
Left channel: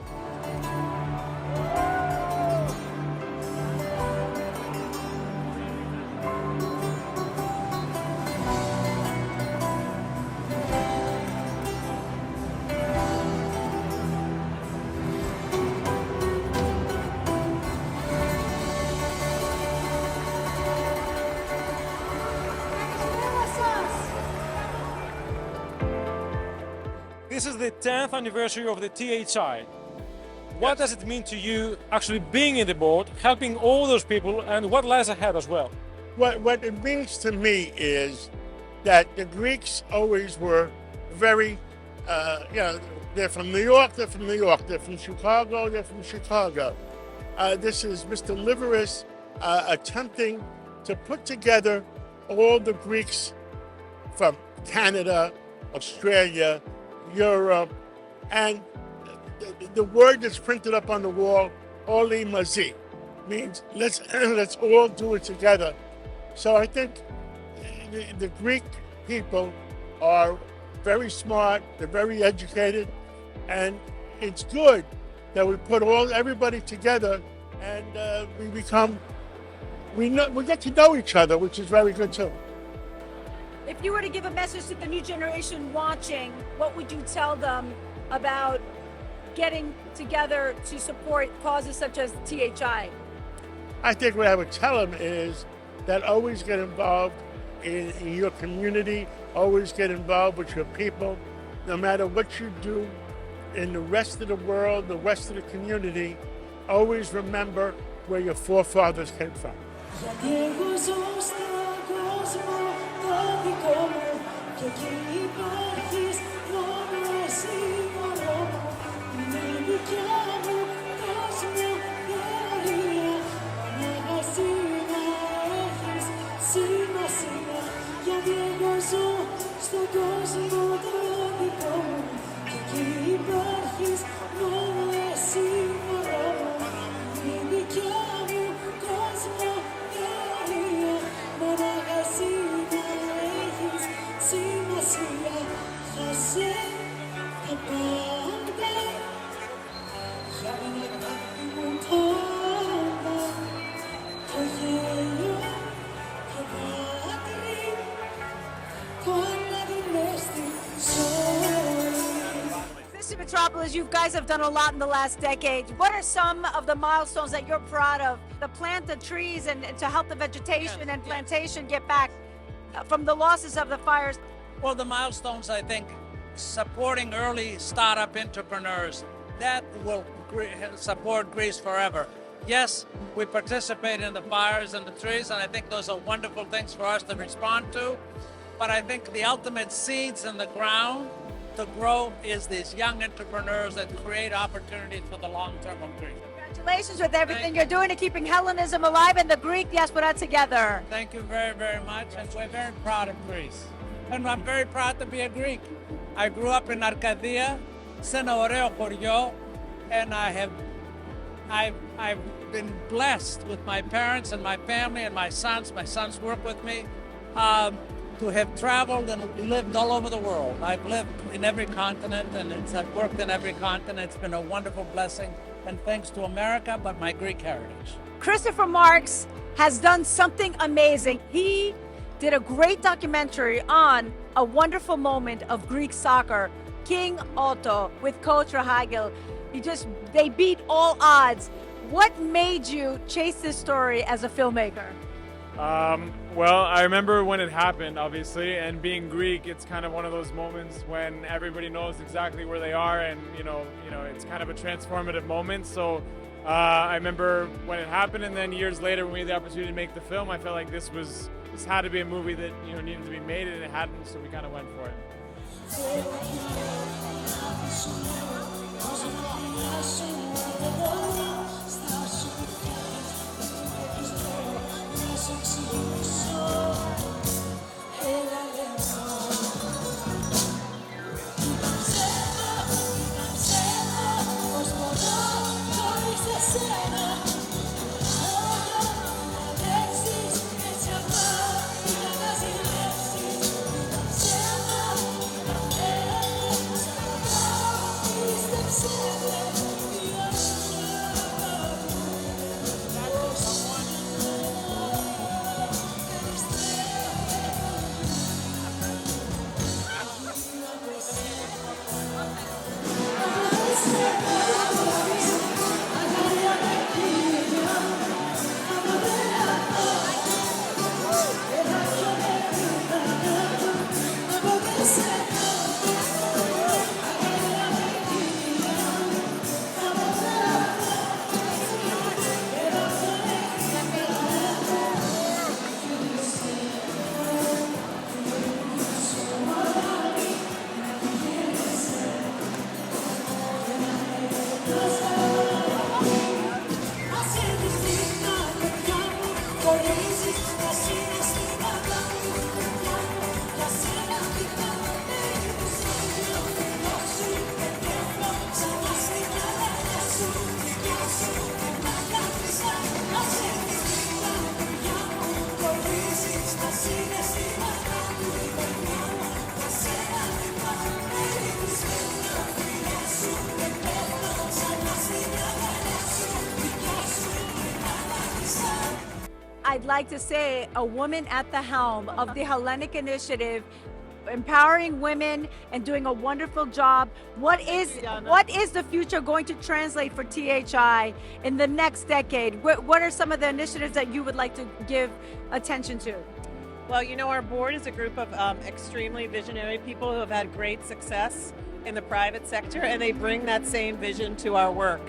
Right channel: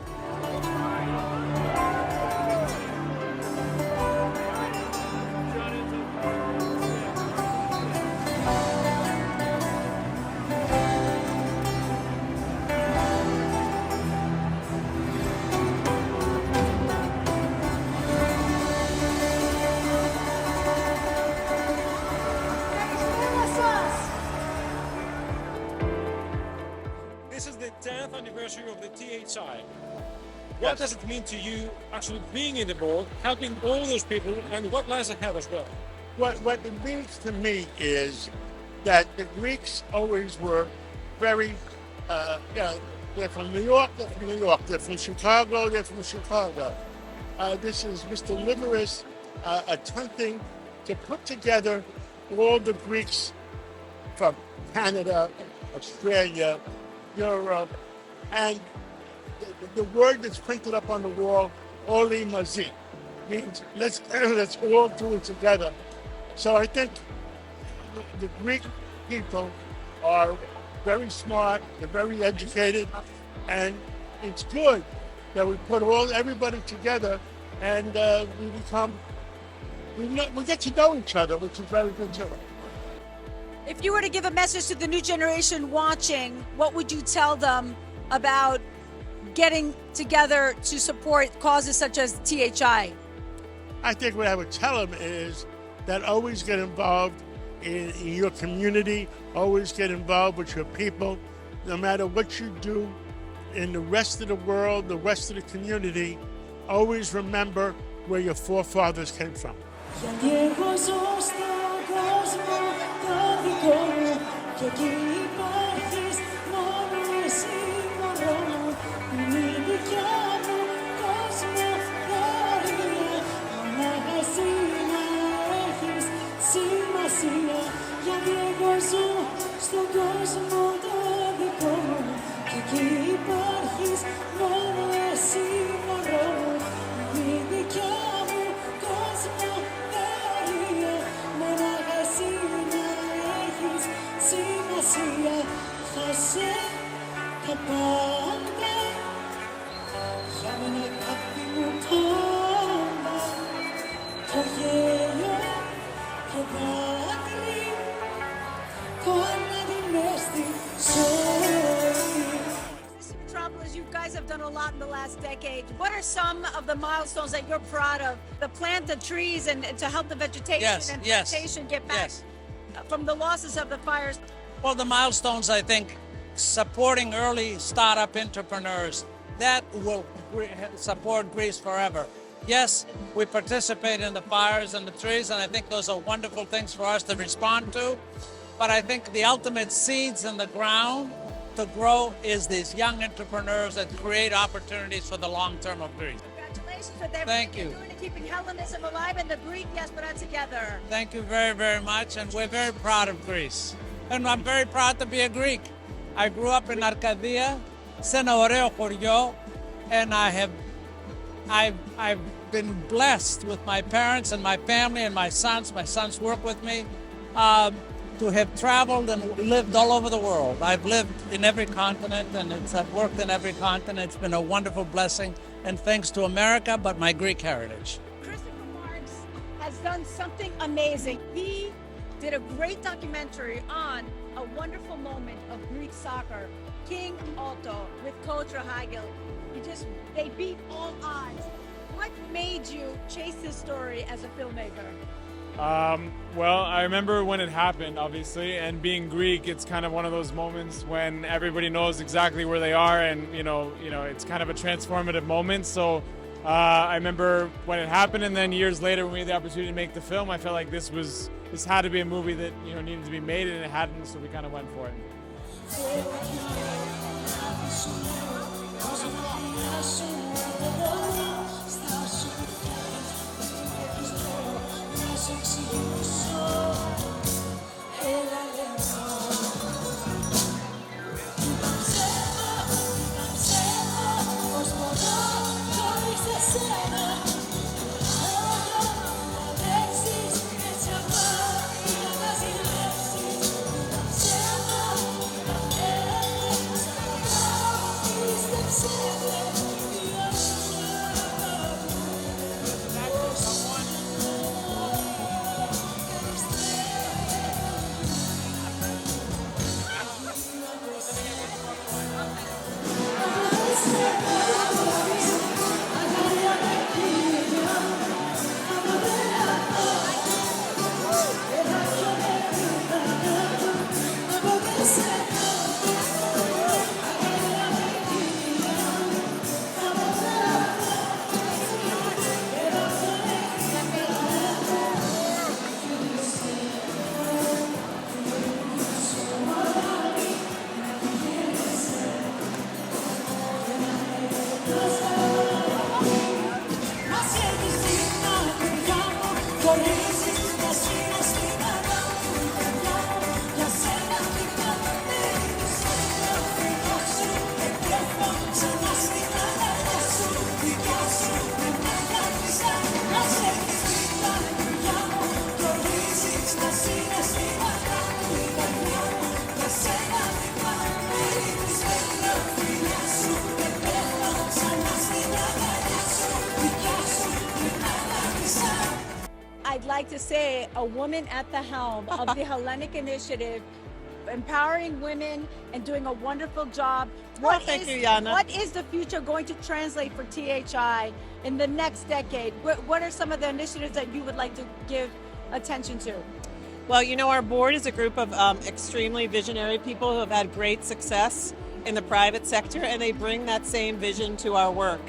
This is the 10th anniversary of the THI. What does it mean to you actually being in the board, helping all those people, and what lies ahead as well? What it means to me is that the Greeks always were very, they're from New York, they're from New York, they're from Chicago, they're from Chicago. This is Mr. Liveris attempting to put together all the Greeks from Canada, Australia, Europe, and the word that's printed up on the wall, Oli Mazi, means let's all do it together. So I think the Greek people are very smart, they're very educated, and it's good that we put everybody together and we get to know each other, which is very good too. If you were to give a message to the new generation watching, what would you tell them about getting together to support causes such as THI? I think what I would tell them is that always get involved in your community, always get involved with your people. No matter what you do in the rest of the world, the rest of the community, always remember where your forefathers came from. Και εκεί υπάρχεις μόνο εσύ μωρό μου. Είναι η δικιά μου κόσμο δωρεία. Μονάχα εσύ να έχεις σημασία. Γιατί εγώ ζω στον κόσμο το δικό μου. Και εκεί υπάρχεις μόνο εσύ μωρό μου. Είναι η δικιά μου κόσμο δωρεία. Μονάχα εσύ να έχεις σημασία. Θα σε τα πάντα για μένα guys have done a lot in the last decade. What are some of the milestones that you're proud of? The plant the trees and to help the vegetation and plantation get back from the losses of the fires. Well, the milestones, I think, supporting early startup entrepreneurs, that will support Greece forever. Yes, we participate in the fires and the trees, and I think those are wonderful things for us to respond to. But I think the ultimate seeds in the ground to grow is these young entrepreneurs that create opportunities for the long term of Greece. Congratulations with everything you're doing to keeping Hellenism alive and the Greek diaspora together. Thank you very, very much, and we're very proud of Greece. And I'm very proud to be a Greek. I grew up in Arcadia, σε ένα ωραίο χωριό, and I've been blessed with my parents and my family and my sons. My sons work with me to have traveled and lived all over the world. I've lived in every continent and I've worked in every continent. It's been a wonderful blessing, and thanks to America, but my Greek heritage. Christopher Marks has done something amazing. He did a great documentary on a wonderful moment of Greek soccer, King Otto with Coach Rahagil. They beat all odds. What made you chase this story as a filmmaker? Well, I remember when it happened, obviously, and being Greek, it's kind of one of those moments when everybody knows exactly where they are, and you know, it's kind of a transformative moment. So I remember when it happened, and then years later, when we had the opportunity to make the film, I felt like this had to be a movie that needed to be made, and it hadn't, so we kind of went for it. I'd like to say a woman at the helm of the Hellenic Initiative, empowering women and doing a wonderful job. What is the future going to translate for THI in the next decade? What are some of the initiatives that you would like to give attention to? Well, our board is a group of extremely visionary people who have had great success in the private sector, and they bring that same vision to our work.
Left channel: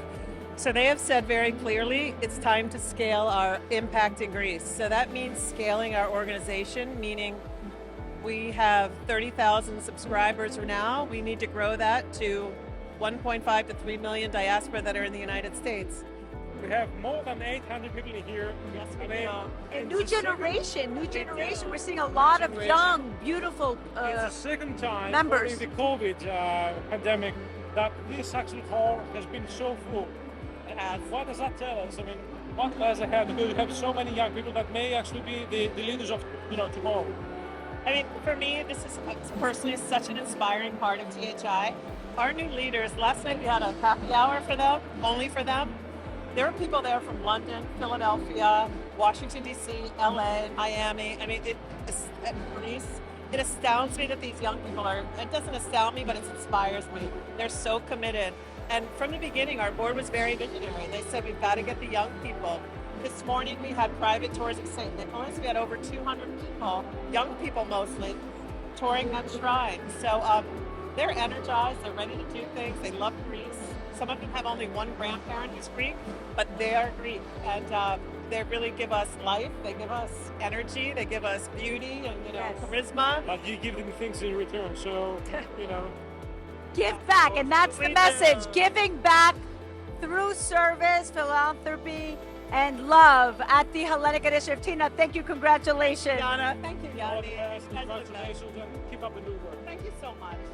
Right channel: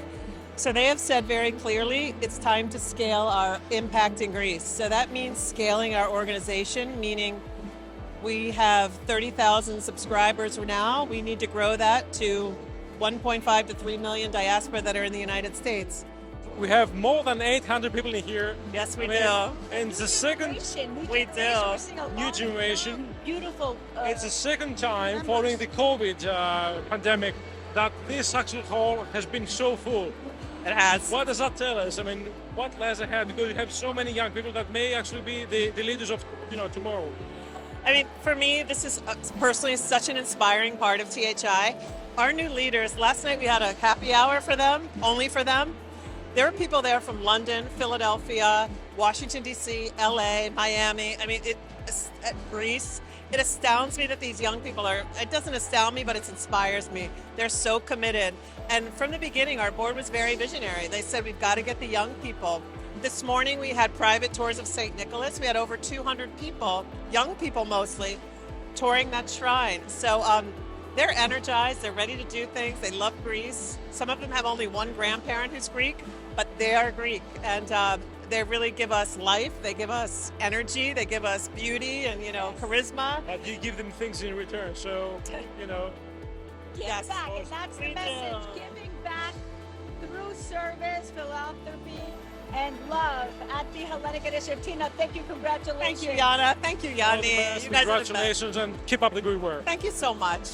So they have said very clearly it's time to scale our impact in Greece. So that means scaling our organization, meaning we have 30,000 subscribers now. We need to grow that to 1.5 to 3 million diaspora that are in the United States. We have more than 800 people in here. Yes, we do. And New the generation. We do. We're seeing a lot of young, beautiful it's the second time members. following the COVID pandemic that this actual hall has been so full. It has. What does that tell us? I mean, what lies ahead? Because you have so many young people that may actually be the leaders of tomorrow. I mean, for me, this is personally such an inspiring part of THI. Our new leaders, last night we had a happy hour for them, only for them. There are people there from London, Philadelphia, Washington, D.C., L.A., Miami, Greece. It astounds me that these young people are, it doesn't astound me, but it inspires me. They're so committed. And from the beginning, our board was very visionary. They said, we've got to get the young people. This morning, we had private tours of St. Nicholas. We had over 200 people, young people mostly, touring that shrine. So they're energized. They're ready to do things. They love Greece. Some of them have only one grandparent who's Greek, but they are Greek. And they really give us life. They give us energy. They give us beauty and, charisma. But you give them things in return. So, Give back, and that's the message. Giving back through service, philanthropy, and love at the Hellenic Initiative. Tina, thank you. Congratulations. Thank you, Yanna. Thank you, Yannis. You guys are the best. Congratulations and keep up the good work. Thank you so much.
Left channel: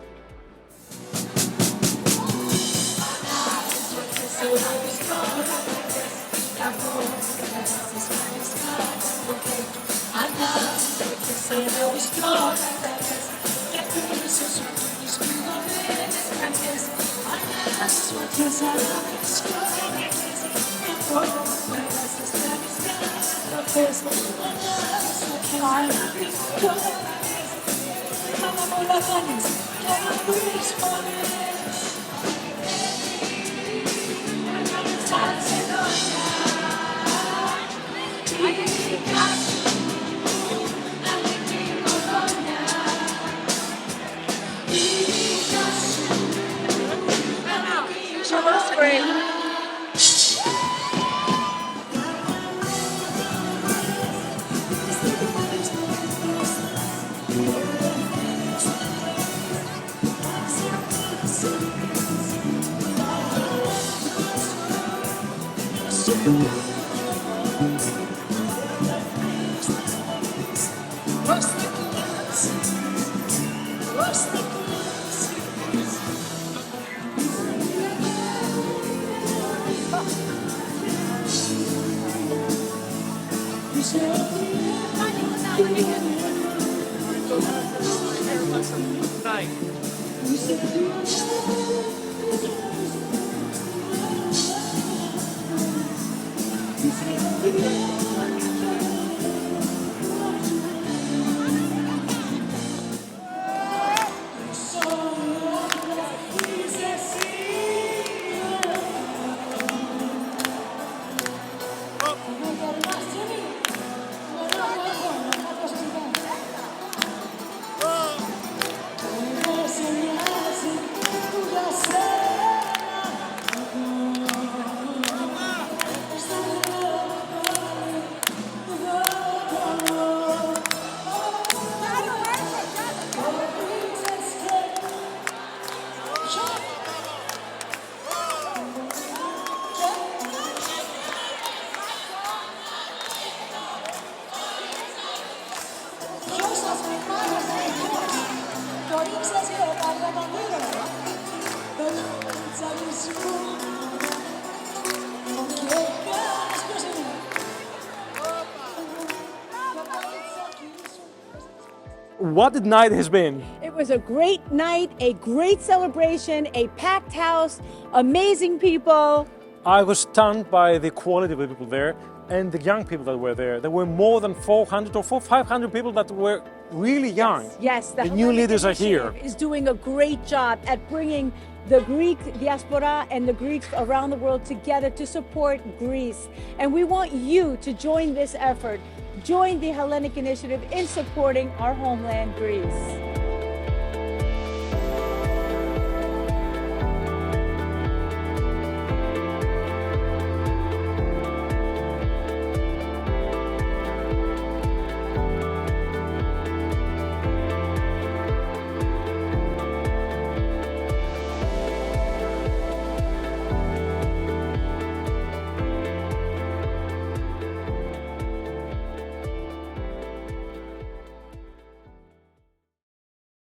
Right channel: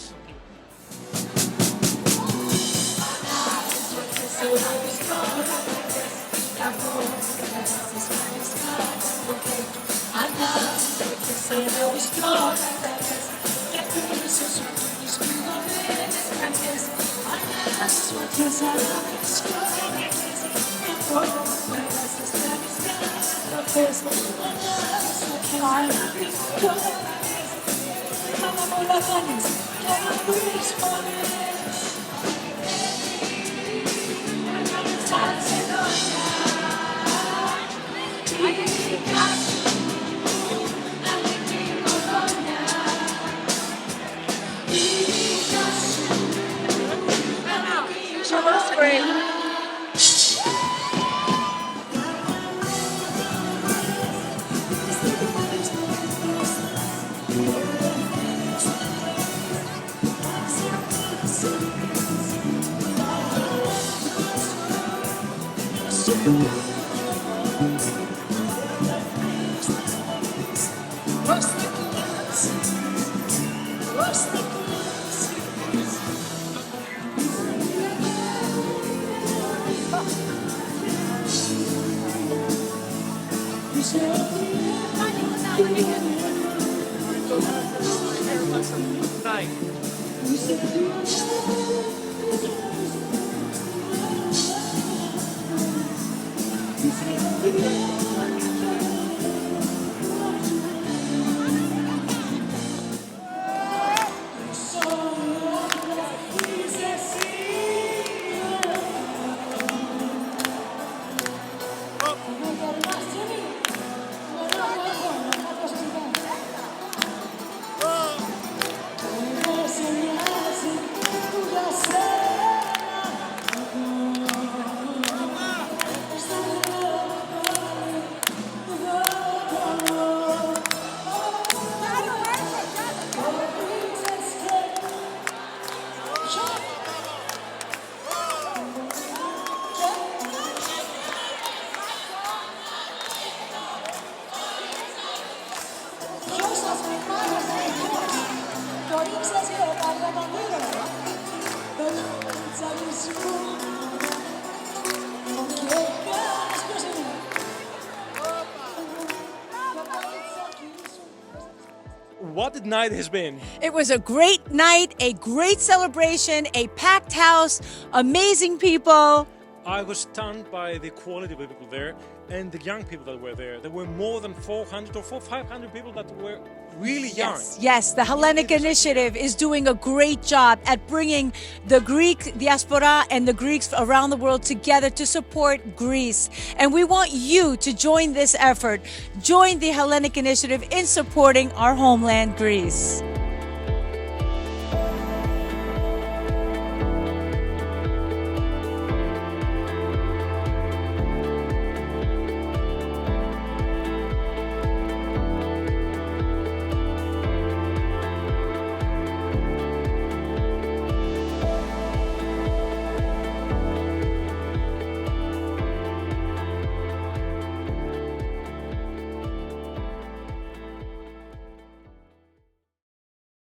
What a night has been. It was a great night, a great celebration, a packed house, amazing people. I was stunned by the quality of the people there and the young people that were there. There were more than 400 or 500 people that were really young. Yes, the new Hellenic leaders are Initiative here. is doing a great job at bringing the Greek diaspora and the Greeks around the world together to support Greece. And we want you to join this effort. Join the Hellenic Initiative in supporting our homeland, Greece.